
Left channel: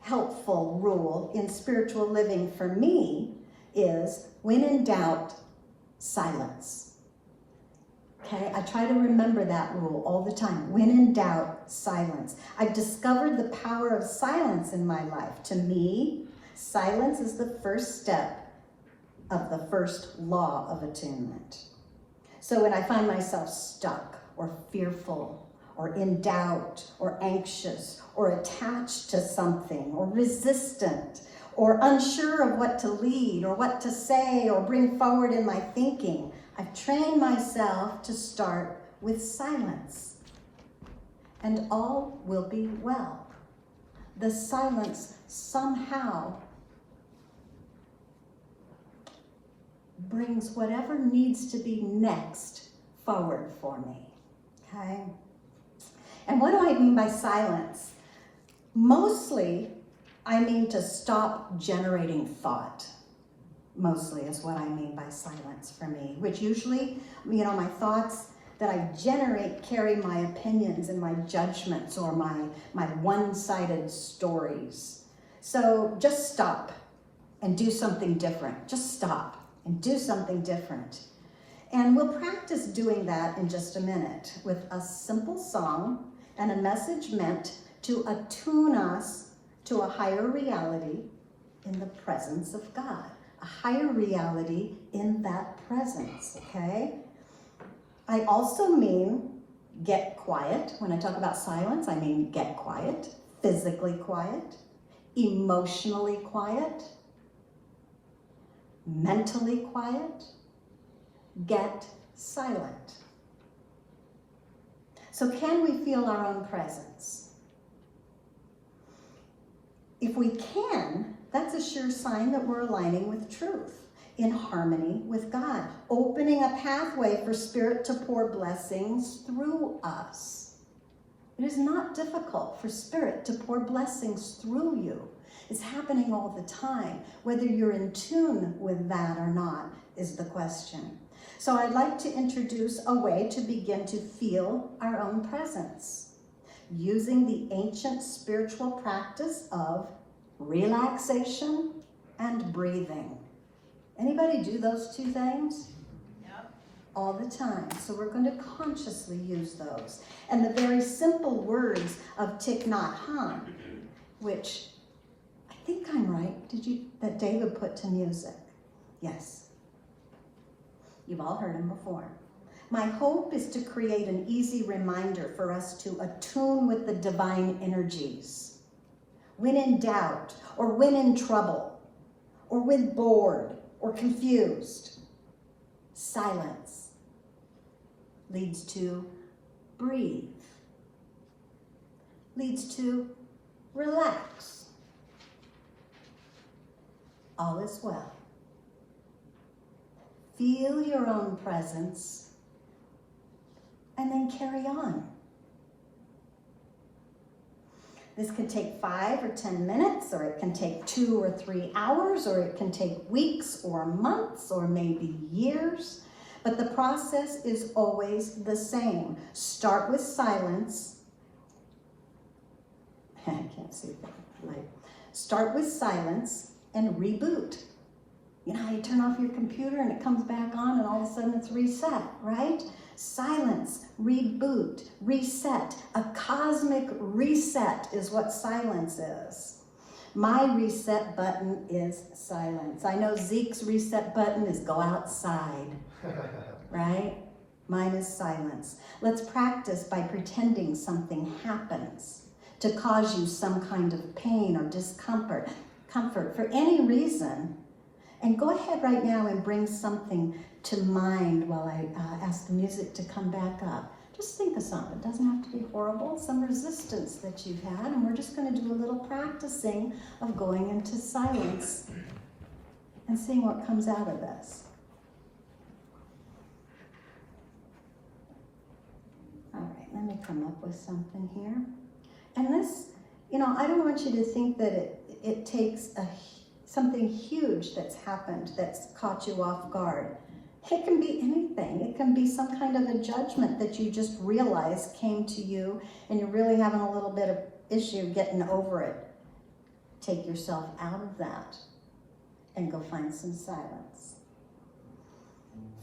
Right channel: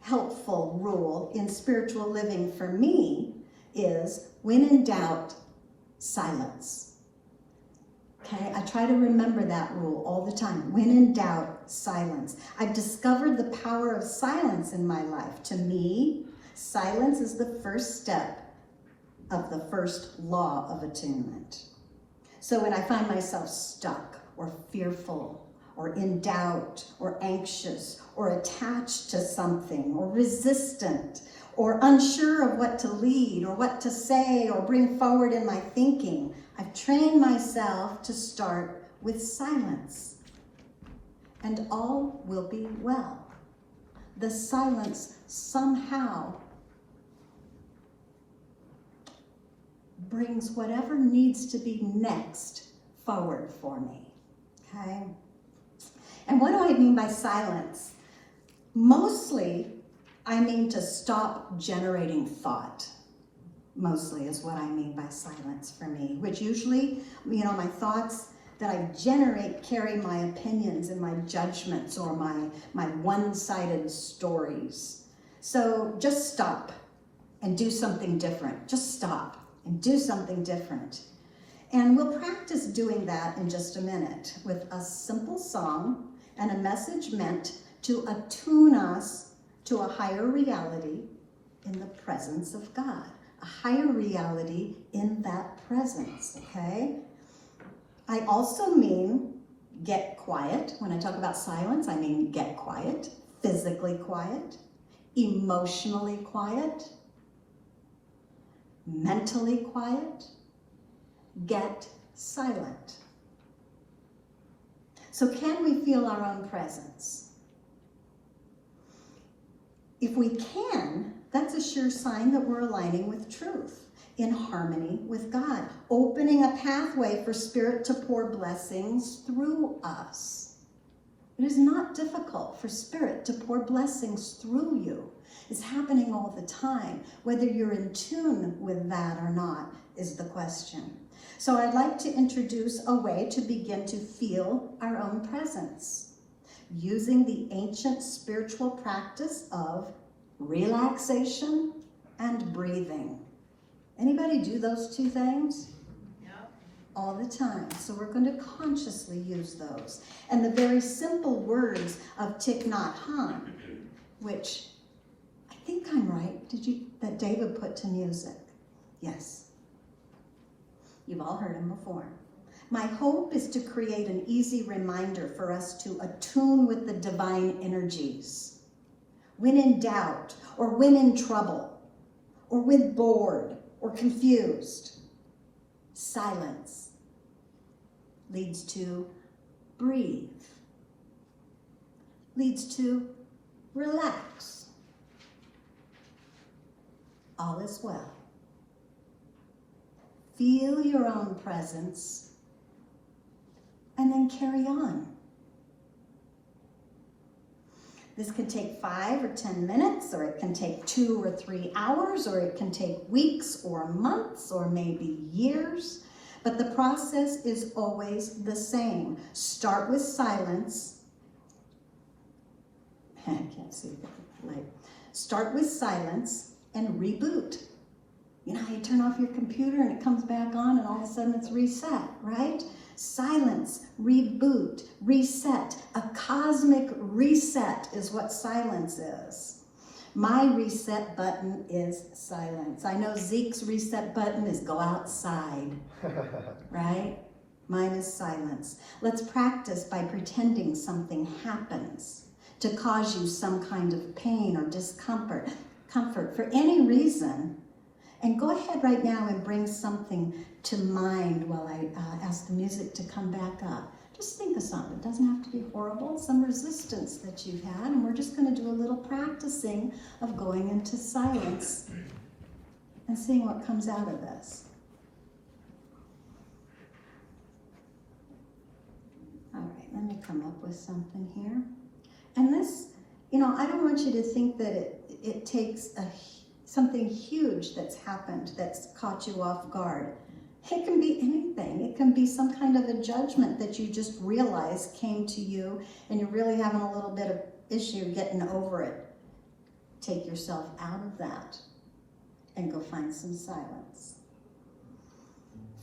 helpful rule in spiritual living for me is, when in doubt, silence. Okay, I try to remember that rule all the time. When in doubt, silence. I've discovered the power of silence in my life. To me, silence is the first step of the first law of attunement. So when I find myself stuck or fearful or in doubt or anxious or attached to something or resistant or unsure of what to lead or what to say or bring forward in my thinking, I've trained myself to start with silence, and all will be well. The silence somehow brings whatever needs to be next forward for me, okay? And what do I mean by silence? Mostly, I mean to stop generating thought. mostly is what I mean by silence for me, which usually, my thoughts that I generate carry my opinions and my judgments or my one-sided stories. So just stop and do something different. Just stop and do something different. And we'll practice doing that in just a minute with a simple song and a message meant to attune us to a higher reality in the presence of God. A higher reality in that presence, okay? I also mean get quiet. When I talk about silence, I mean get quiet, physically quiet, emotionally quiet, mentally quiet. Get silent. So can we feel our own presence? If we can, that's a sure sign that we're aligning with truth, in harmony with God, opening a pathway for Spirit to pour blessings through us. It is not difficult for Spirit to pour blessings through you. It's happening all the time. Whether you're in tune with that or not is the question. So I'd like to introduce a way to begin to feel our own presence using the ancient spiritual practice of relaxation and breathing. Anybody do those two things? Yep. All the time. So we're going to consciously use those. And the very simple words of Thich Nhat Hanh, which I think I'm right, that David put to music. Yes. You've all heard him before. My hope is to create an easy reminder for us to attune with the divine energies. When in doubt, or when in trouble, or when bored, or confused, silence leads to breathe, leads to relax. All is well. Feel your own presence and then carry on. This can take 5 or 10 minutes, or it can take 2 or 3 hours, or it can take weeks or months or maybe years. But the process is always the same. Start with silence. I can't see the light. Start with silence and reboot. You know how you turn off your computer and it comes back on and all of a sudden it's reset, right? Silence, reboot, reset. A cosmic reset is what silence is. My reset button is silence. I know Zeke's reset button is go outside, right? Mine is silence. Let's practice by pretending something happens to cause you some kind of pain or discomfort, for any reason. And go ahead right now and bring something to mind while I ask the music to come back up. Just think of something. It doesn't have to be horrible. Some resistance that you've had. And we're just going to do a little practicing of going into silence and seeing what comes out of this. All right, let me come up with something here. And this, I don't want you to think that it takes something huge that's happened that's caught you off guard. It can be anything. It can be some kind of a judgment that you just realized came to you and you're really having a little bit of issue getting over it. Take yourself out of that and go find some silence.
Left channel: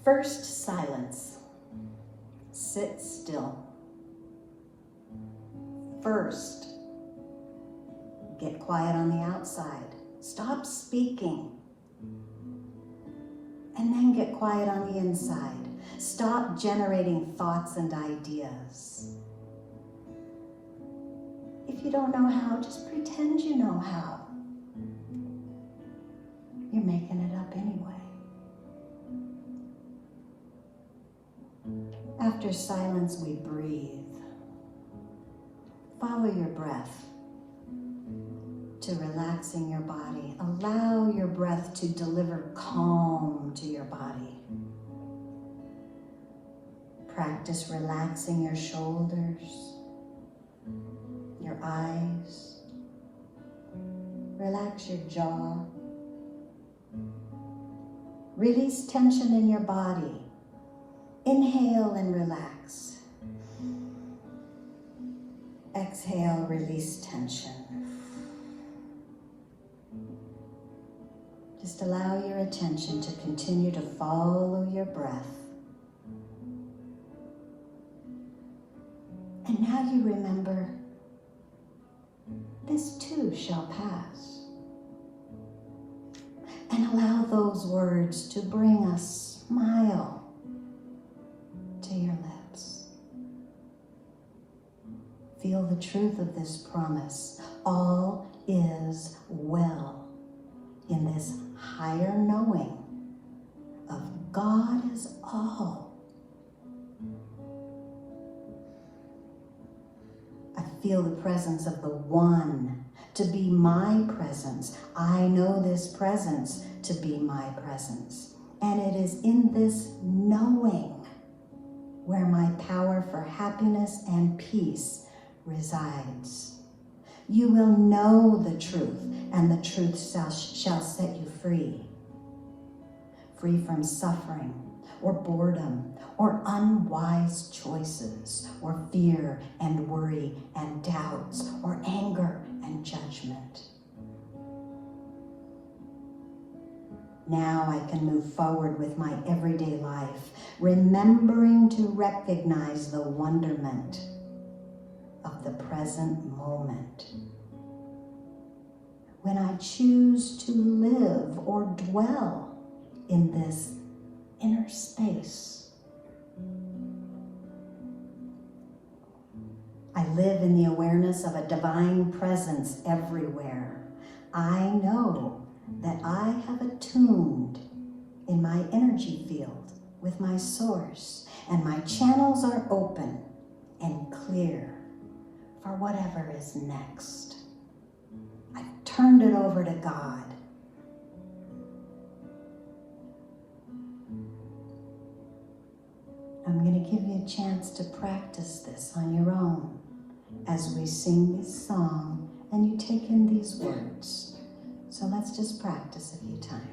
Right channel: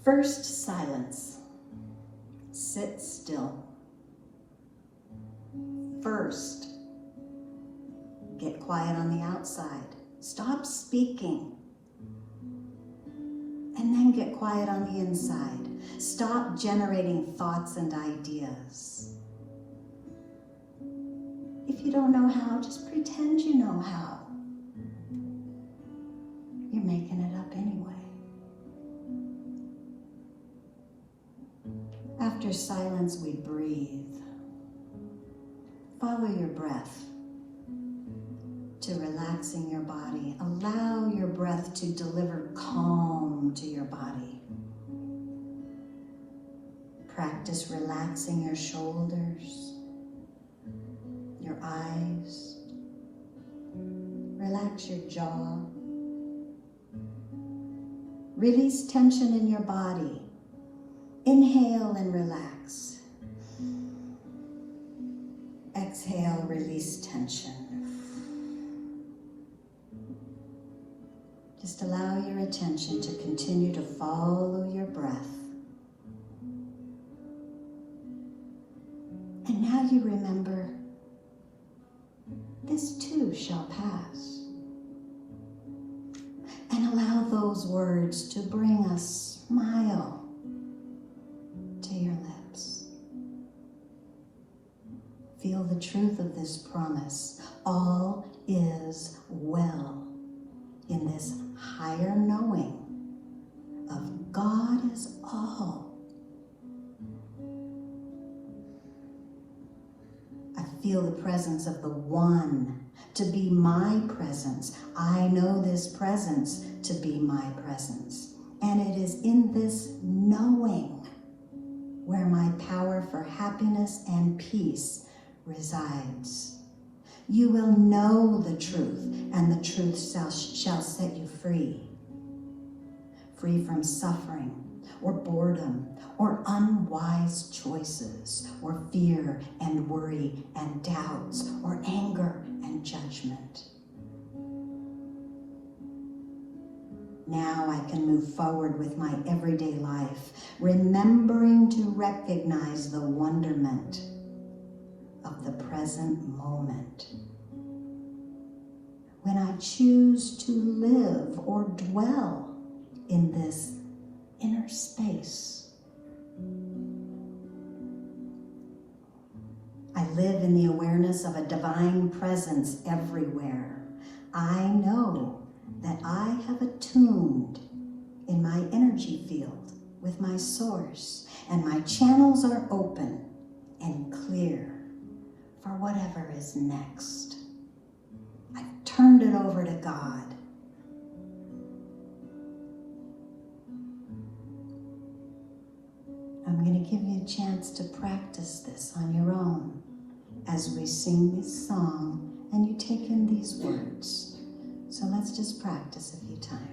First, silence. Sit still. First, get quiet on the outside. Stop speaking. And then get quiet on the inside. Stop generating thoughts and ideas. If you don't know how, just pretend you know how. You're making it up anyway. After silence, we breathe. Follow your breath to relaxing your body. Allow your breath to deliver calm to your body. Practice relaxing your shoulders, your eyes. Relax your jaw. Release tension in your body. Inhale and relax. Exhale, release tension. Just allow your attention to continue to follow your breath. And now you remember, this too shall pass. And allow those words to bring a smile to your lips. Feel the truth of this promise. All is well in this higher knowing of God is all. I feel the presence of the One to be my presence. I know this presence to be my presence. And it is in this knowing where my power for happiness and peace resides. You will know the truth, and the truth shall set you free. Free from suffering, or boredom, or unwise choices, or fear and worry and doubts, or anger and judgment. Now I can move forward with my everyday life, remembering to recognize the wonderment of the present moment. When I choose to live or dwell in this inner space, I live in the awareness of a divine presence everywhere. I know that I have attuned in my energy field with my source, and my channels are open and clear for whatever is next. I've turned it over to God. I'm going to give you a chance to practice this on your own as we sing this song and you take in these words. So let's just practice a few times.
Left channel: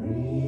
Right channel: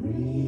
Breathe.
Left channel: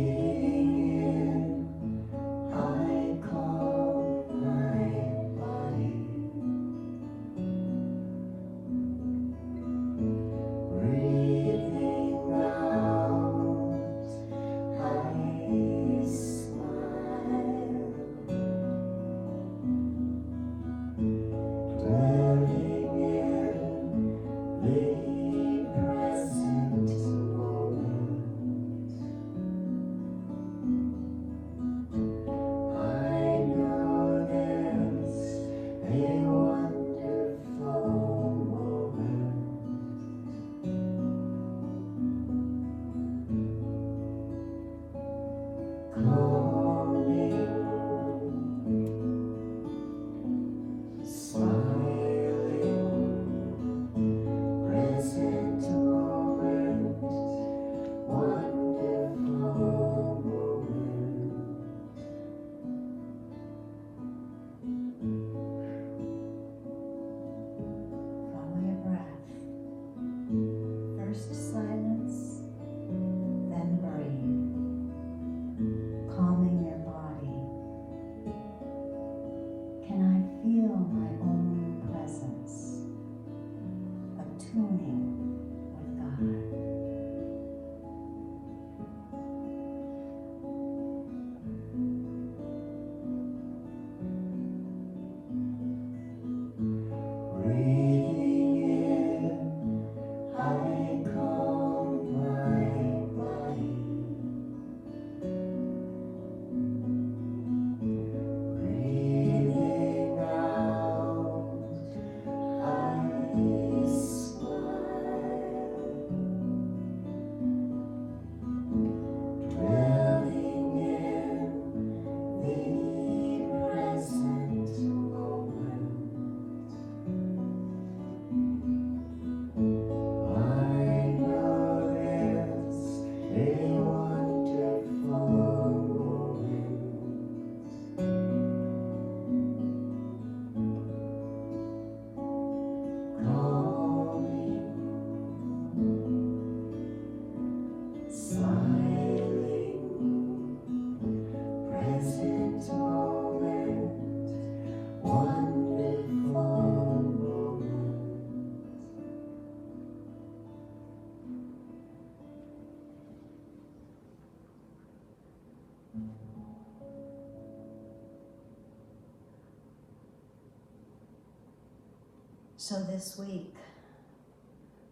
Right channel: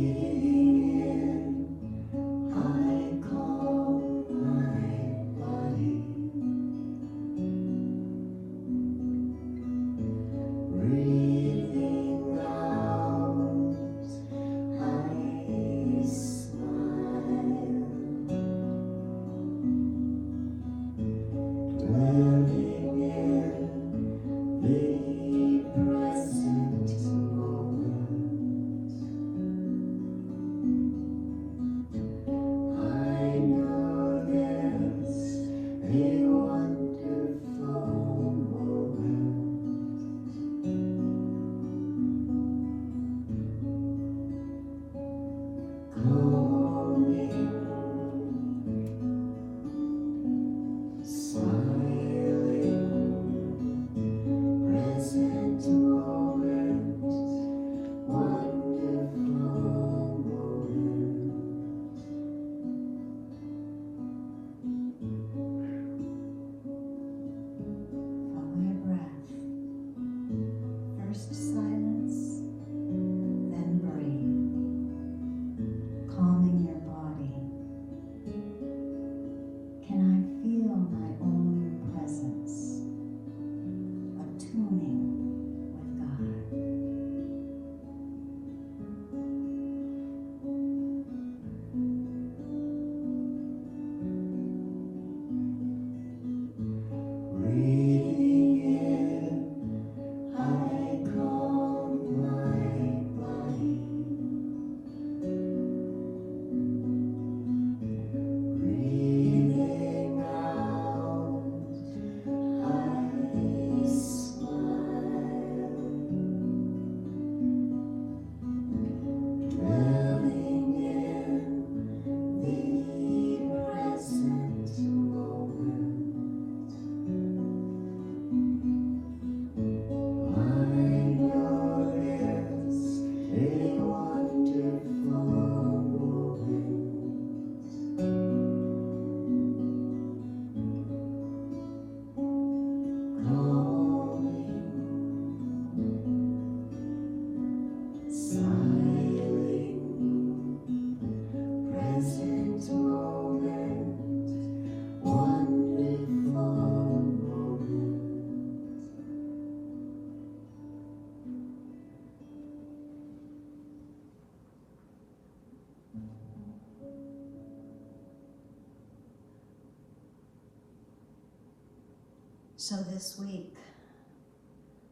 So this week,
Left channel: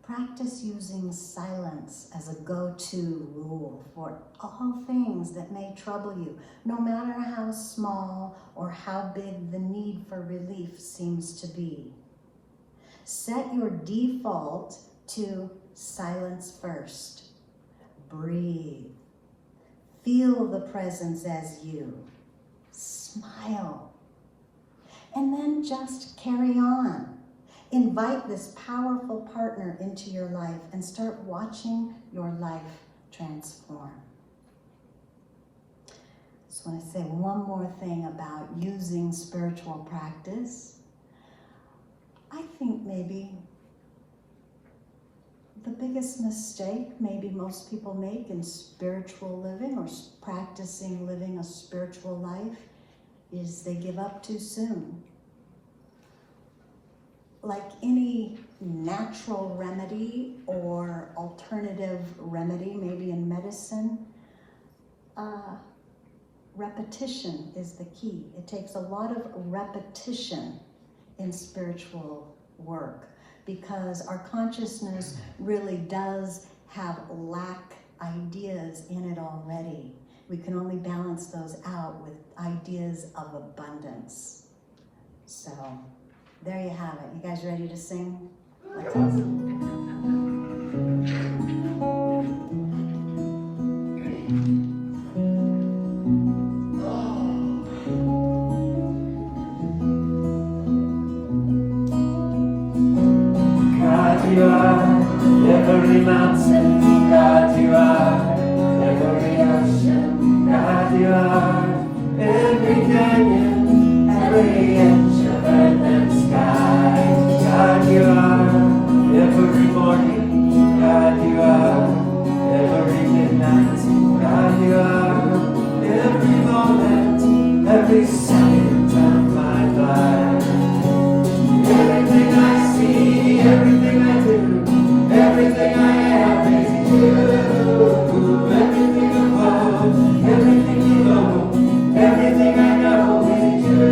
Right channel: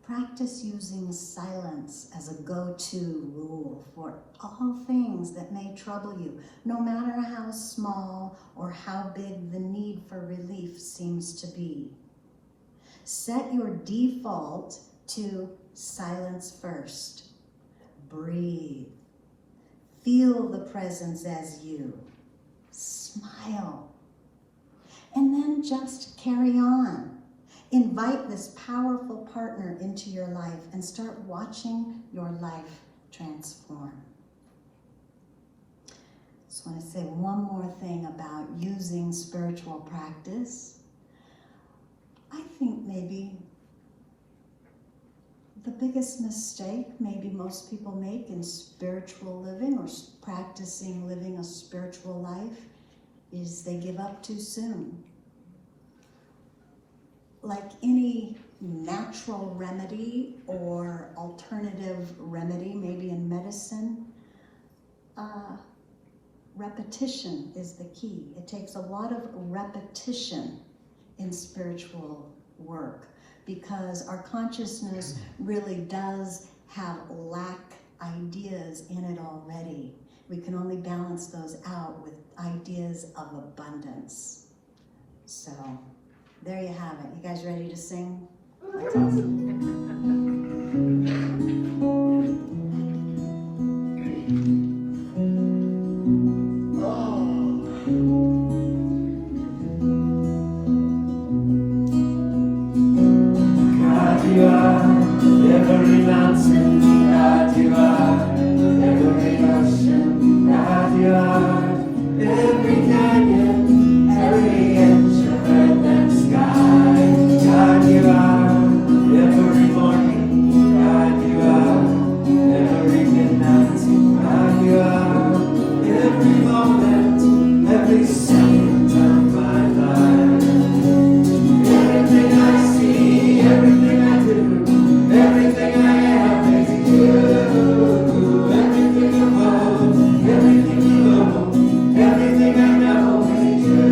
practice using silence as a go-to rule for all things that may trouble you, no matter how small or how big the need for relief seems to be. Set your default to silence first. Breathe. Feel the presence as you. Smile. And then just carry on. Invite this powerful partner into your life and start watching your life transform. Just want to say one more thing about using spiritual practice. I think maybe the biggest mistake maybe most people make in spiritual living or practicing living a spiritual life is they give up too soon. Like any natural remedy or alternative remedy, maybe in medicine, repetition is the key. It takes a lot of repetition in spiritual work because our consciousness really does have lack ideas in it already. We can only balance those out with ideas of abundance. So, there you have it. You guys ready to sing? God, you are every mountain. God, you are every ocean. God, you are every canyon, every edge of earth and sky. God, you are every morning. God, you are every midnight. God, you are every moment, every second of my life. Everything I see, everything I do, everything I am is you. Everything I love, everything you know, everything I know is you.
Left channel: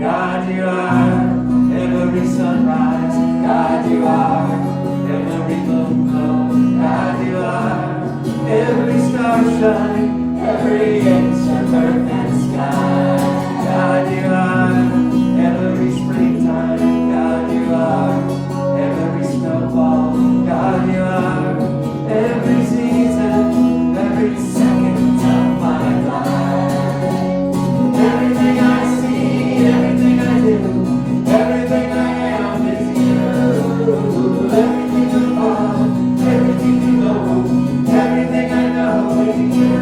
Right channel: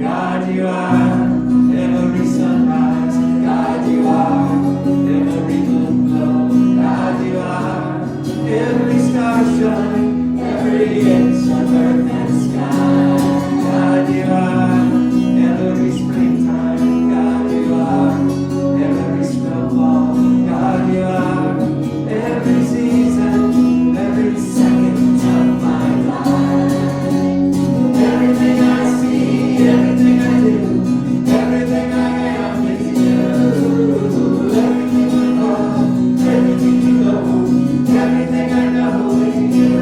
God, you are every sunrise. God, you are every moon glow. God, you are every star shine, every inch of earth and sky. God, you are every springtime. God, you are every snowfall. God, you are every season, every second of my life. Everything I see, everything I do, everything I am is you. Everything I love, everything you know, everything I know is you.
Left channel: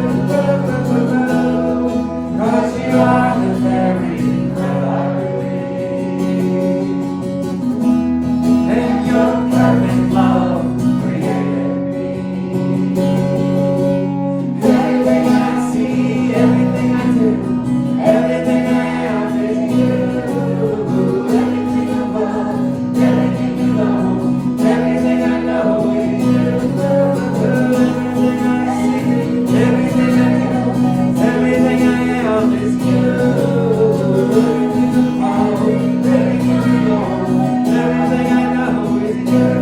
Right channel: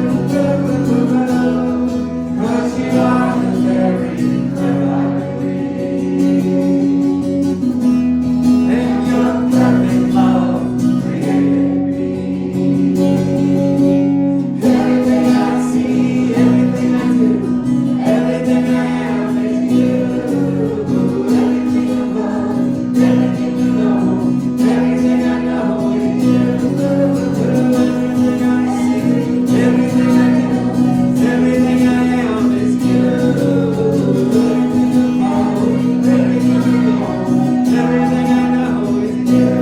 'Cause you are the very breath I breathe. And your perfect love created me. Everything I see, everything I do, everything I am is you. Everything I love, everything you know, everything I know is you. Everything I see, everything I do, everything I am is you. Everything I love, everything you know, everything I know is you.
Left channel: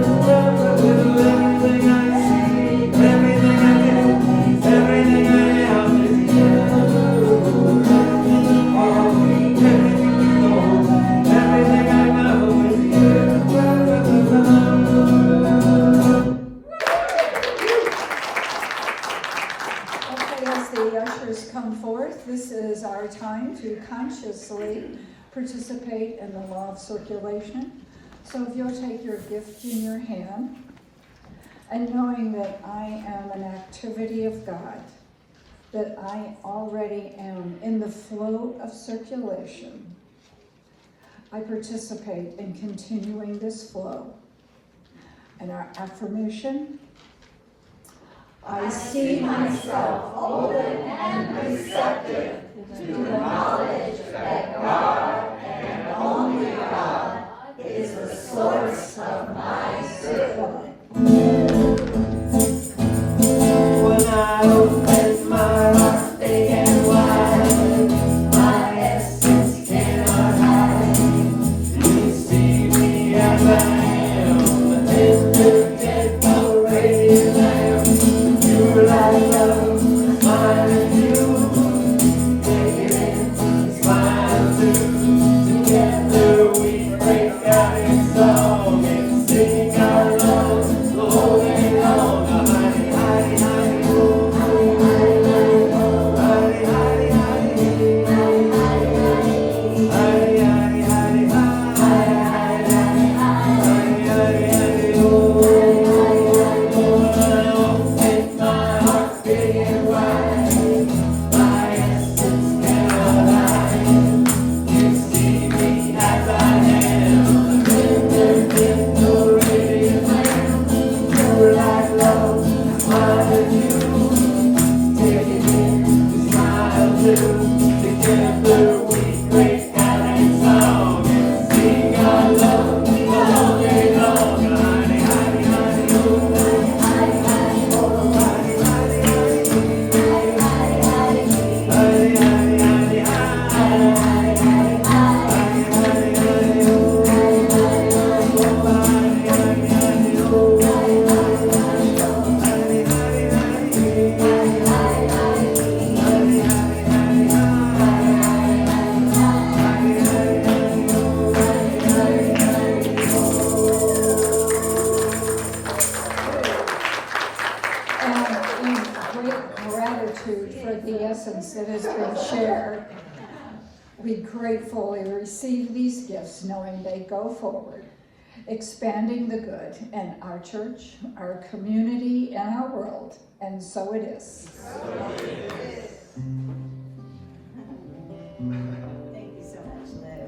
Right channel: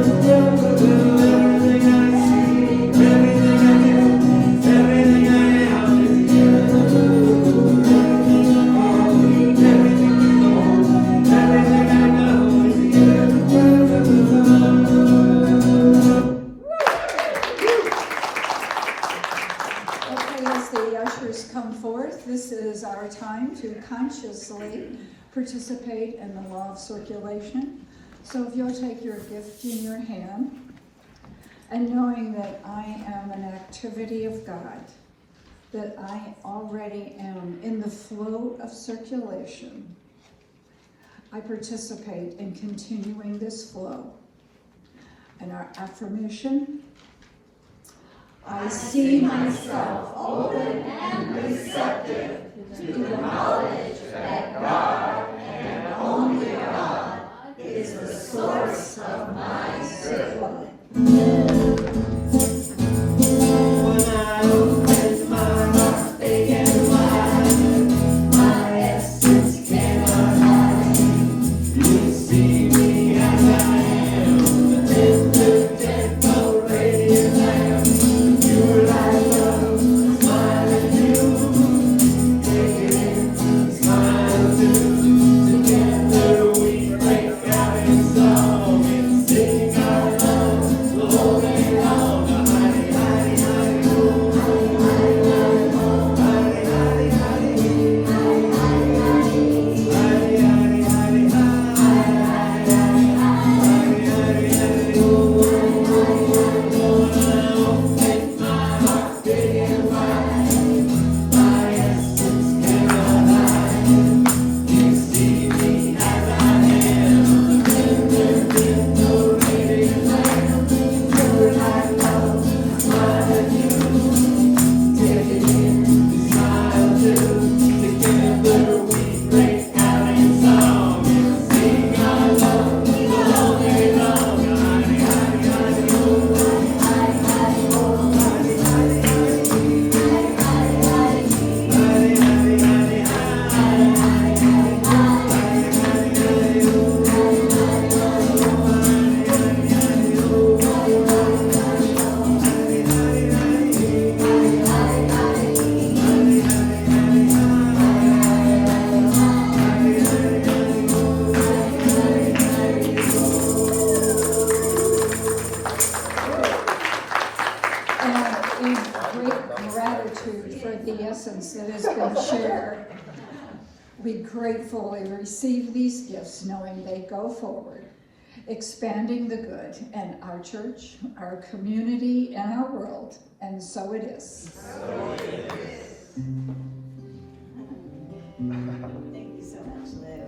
Everything I see, everything I do, everything I am is you. Everything I love, everything you know, everything I know is you. Okay, as the ushers come forth, this is our time to consciously participate in the law of circulation. So if you'll take your gift in your hand, and knowing that I am an activity of God, that I already am in the flow of circulation, I participate in continuing this flow. And our affirmation, I see myself open and receptive to the knowledge that God and only God is the source of my circling. gratitude for the essence that has been shared. We gratefully receive these gifts, knowing they go forward, expanding the good in our church, our community, and our world. And so it is. Thank you so much, Lou.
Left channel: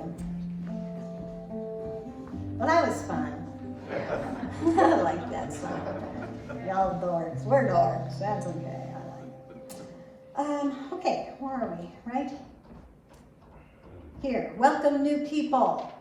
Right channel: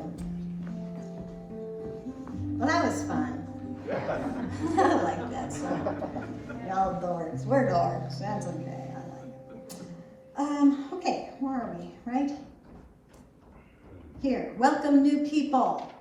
Well, that was fun. I like that song. Y'all dorks. We're dorks. That's okay. I like it. Okay, where are we? Right? Here. Welcome, new people.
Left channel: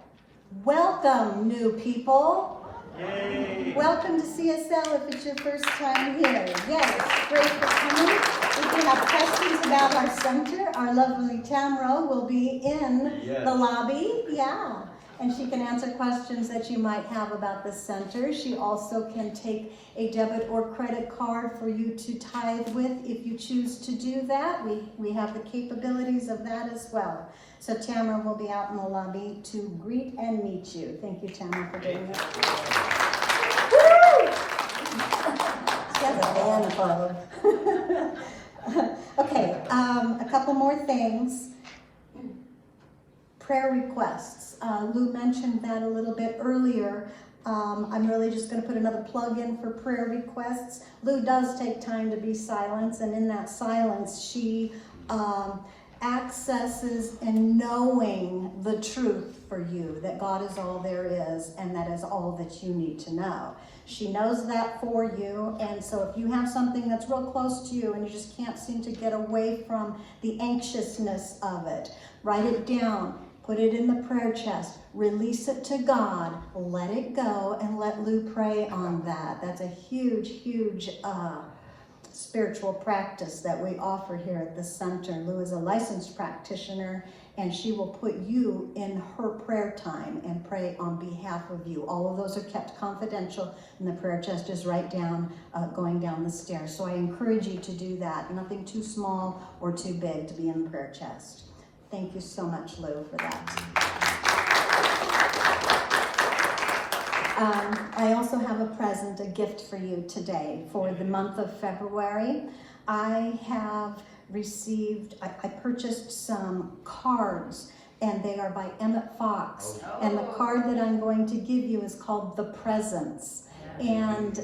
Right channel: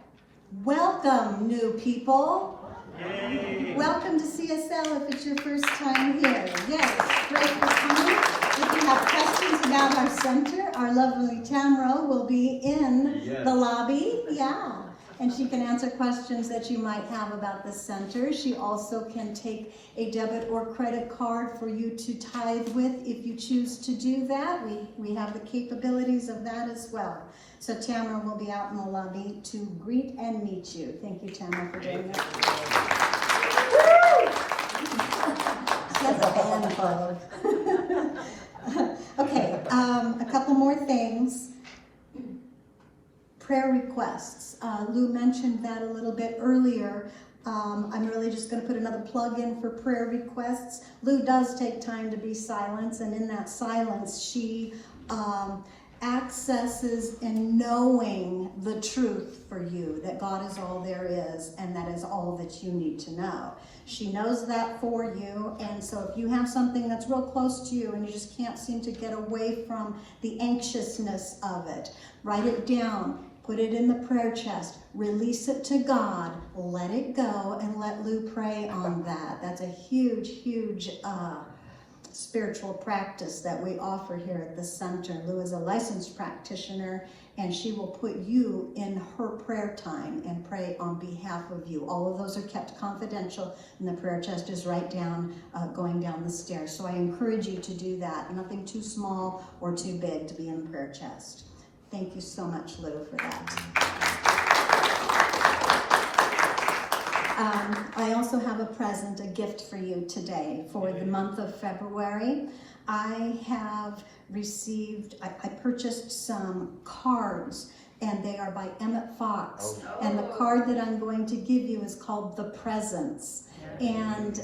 Welcome, new people. Yay. Welcome to CSL if it's your first time here. Yes, great for coming. If you have questions about our center, our lovely Tamara will be in the lobby. Yeah. And she can answer questions that you might have about the center. She also can take a debit or credit card for you to tithe with if you choose to do that. We have the capabilities of that as well. So Tamara will be out in the lobby to greet and meet you. Thank you, Tamara, for doing that. She has a band club. Okay, a couple more things. Prayer requests. Lou mentioned that a little bit earlier. I'm really just going to put another plug in for prayer requests. Lou does take time to be silent, and in that silence, she accesses and knowing the truth for you, that God is all there is, and that is all that you need to know. She knows that for you, and so if you have something that's real close to you and you just can't seem to get away from the anxiousness of it, write it down. Put it in the prayer chest, release it to God, let it go, and let Lou pray on that. That's a huge, huge spiritual practice that we offer here at the center. Lou is a licensed practitioner, and she will put you in her prayer time and pray on behalf of you. All of those are kept confidential, and the prayer chest is right down, going down the stairs. So I encourage you to do that. Nothing too small or too big to be in the prayer chest. Thank you so much, Lou, for that. I also have a present, a gift for you today for the month of February. I have received, I purchased some cards, and they are by Emmett Fox. And the card that I'm going to give you is called The Presence. And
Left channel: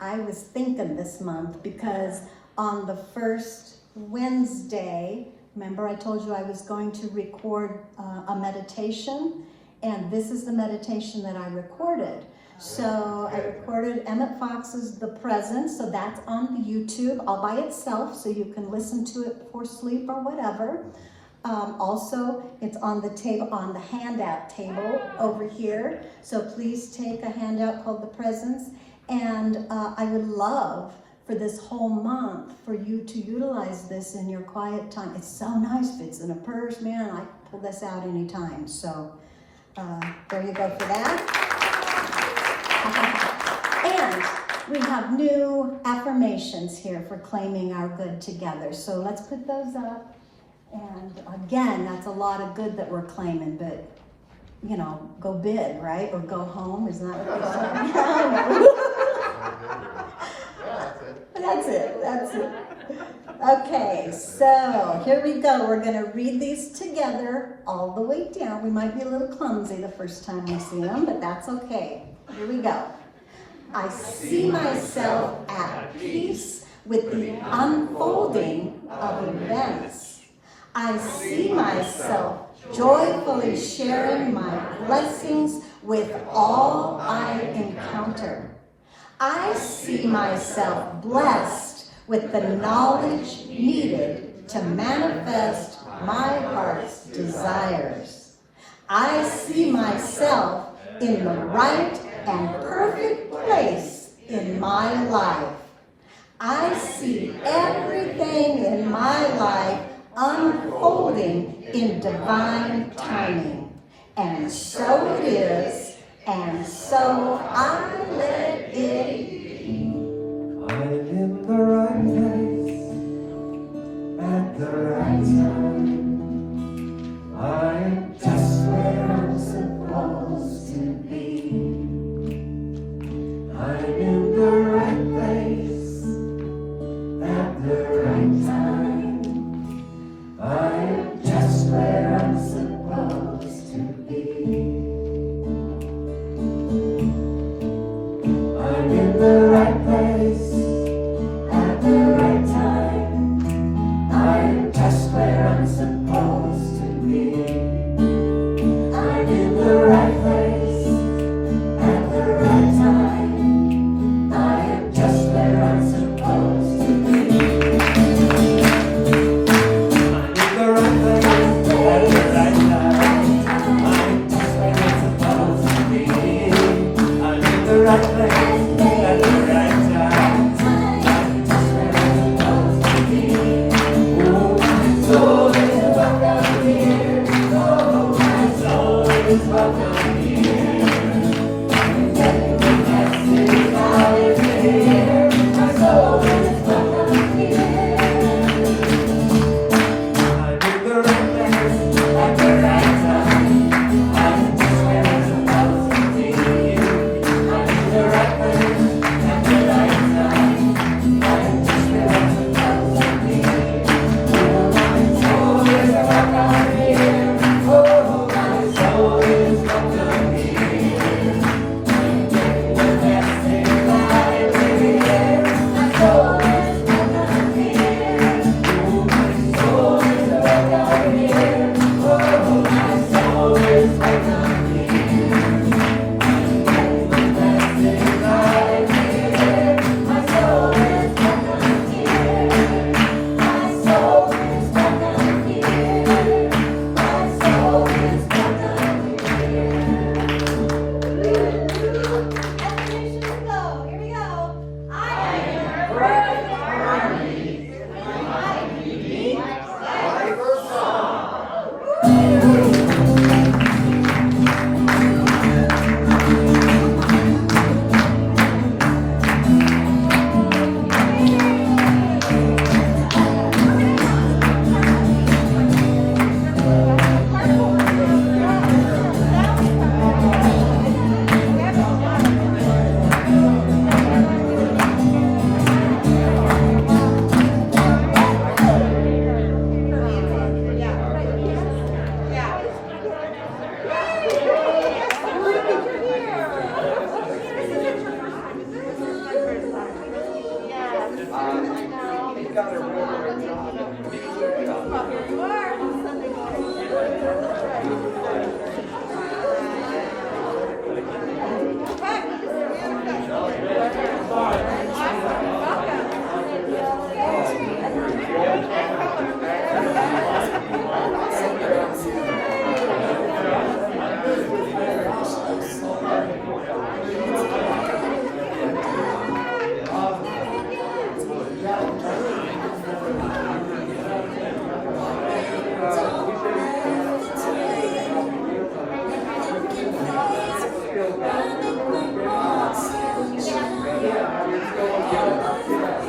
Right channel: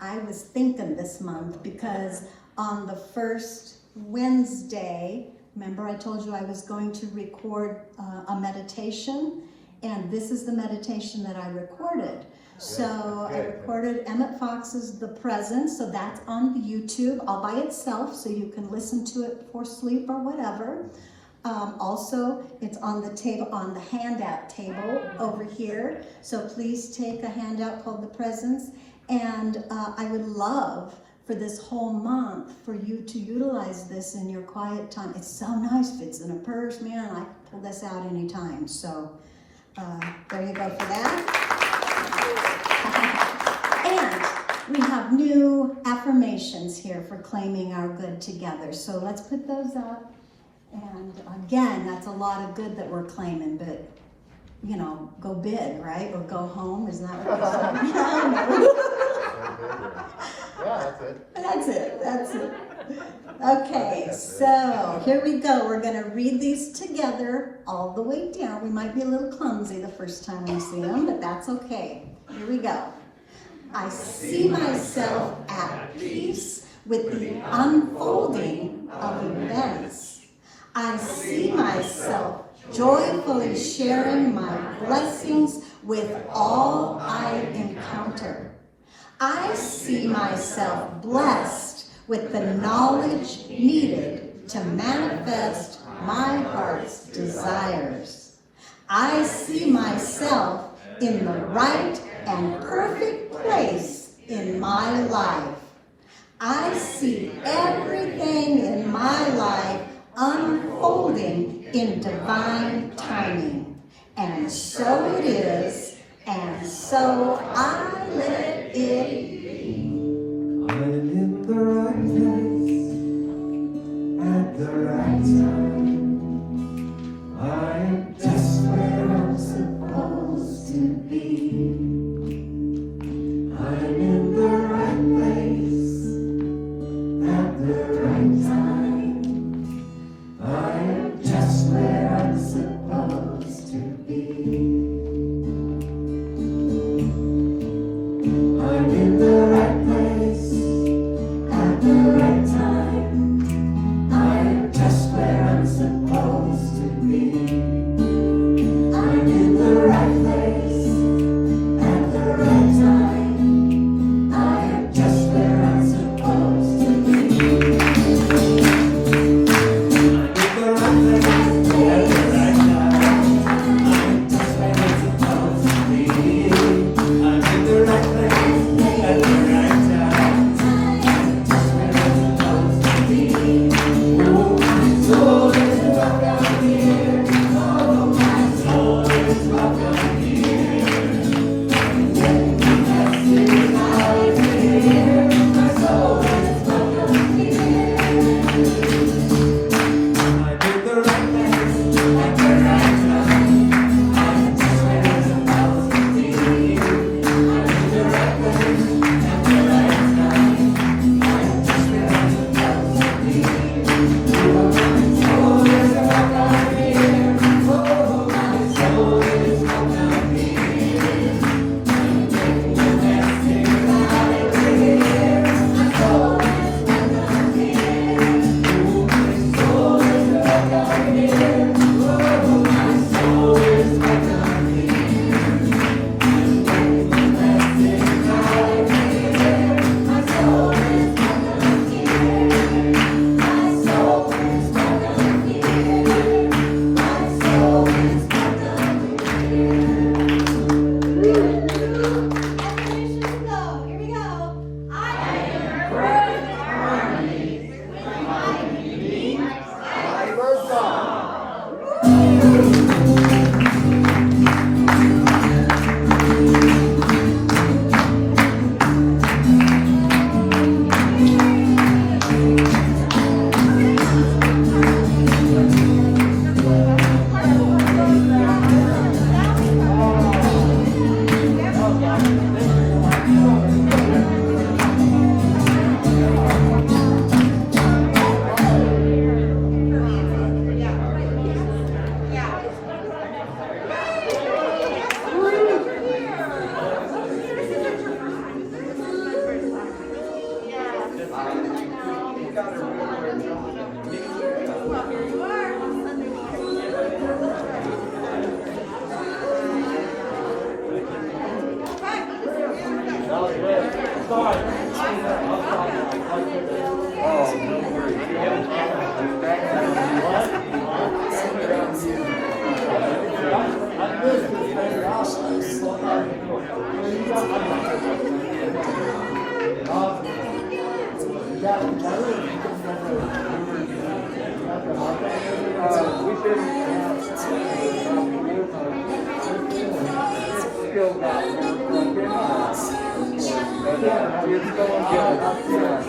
I was thinking this month because on the first Wednesday, remember I told you I was going to record a meditation, and this is the meditation that I recorded. So I recorded Emmett Fox's The Presence, so that's on the YouTube all by itself, so you can listen to it before sleep or whatever. Also, it's on the table, on the handout table over here. So please take a handout called The Presence, and I would love for this whole month for you to utilize this in your quiet time. It's so nice, fits in a purse, man. I pull this out anytime. So there you go for that. And we have new affirmations here for claiming our good together. So let's put those up. And again, that's a lot of good that we're claiming, but you know, go big, right? Or go home, isn't that what they say? That's it. Okay, so here we go. We're going to read these together all the way down. We might be a little clumsy the first time we see them, but that's okay. Here we go. I see myself at peace with the unfolding of events. I see myself joyfully sharing my blessings with all I encounter. I see myself blessed with the knowledge needed to manifest my heart's desires. I see myself in the right and perfect place in my life. I see everything in my life unfolding in divine timing. And so it is, and so I let it be. I'm in the right place at the right time. I am just where I'm supposed to be. I'm in the right place at the right in the right place at the right time. I am just where I'm supposed to be. I'm in the right place at the right time. I am just where I'm supposed to be. I'm in the right place at the right time. I'm just where I'm supposed to be. I'm in the right place at the right time. I'm just where I'm supposed to be. Oh, my soul is welcome here. Oh, my soul is welcome here. And then the message I hear, my soul is welcome here. I'm in the right place at the right time. I'm just where I'm supposed to be. I'm in the right place at the right time. I'm just where I'm supposed to be. Oh, my soul is welcome here. Oh, my soul is welcome here. And then the message I hear, my soul is welcome here. Oh, my soul is welcome here. Oh, my soul is welcome here. And then the message I hear, my soul is welcome here. My soul is welcome here. My soul is welcome Affirmations go. Here we go. I am perfect harmony with my unique life song. Yeah.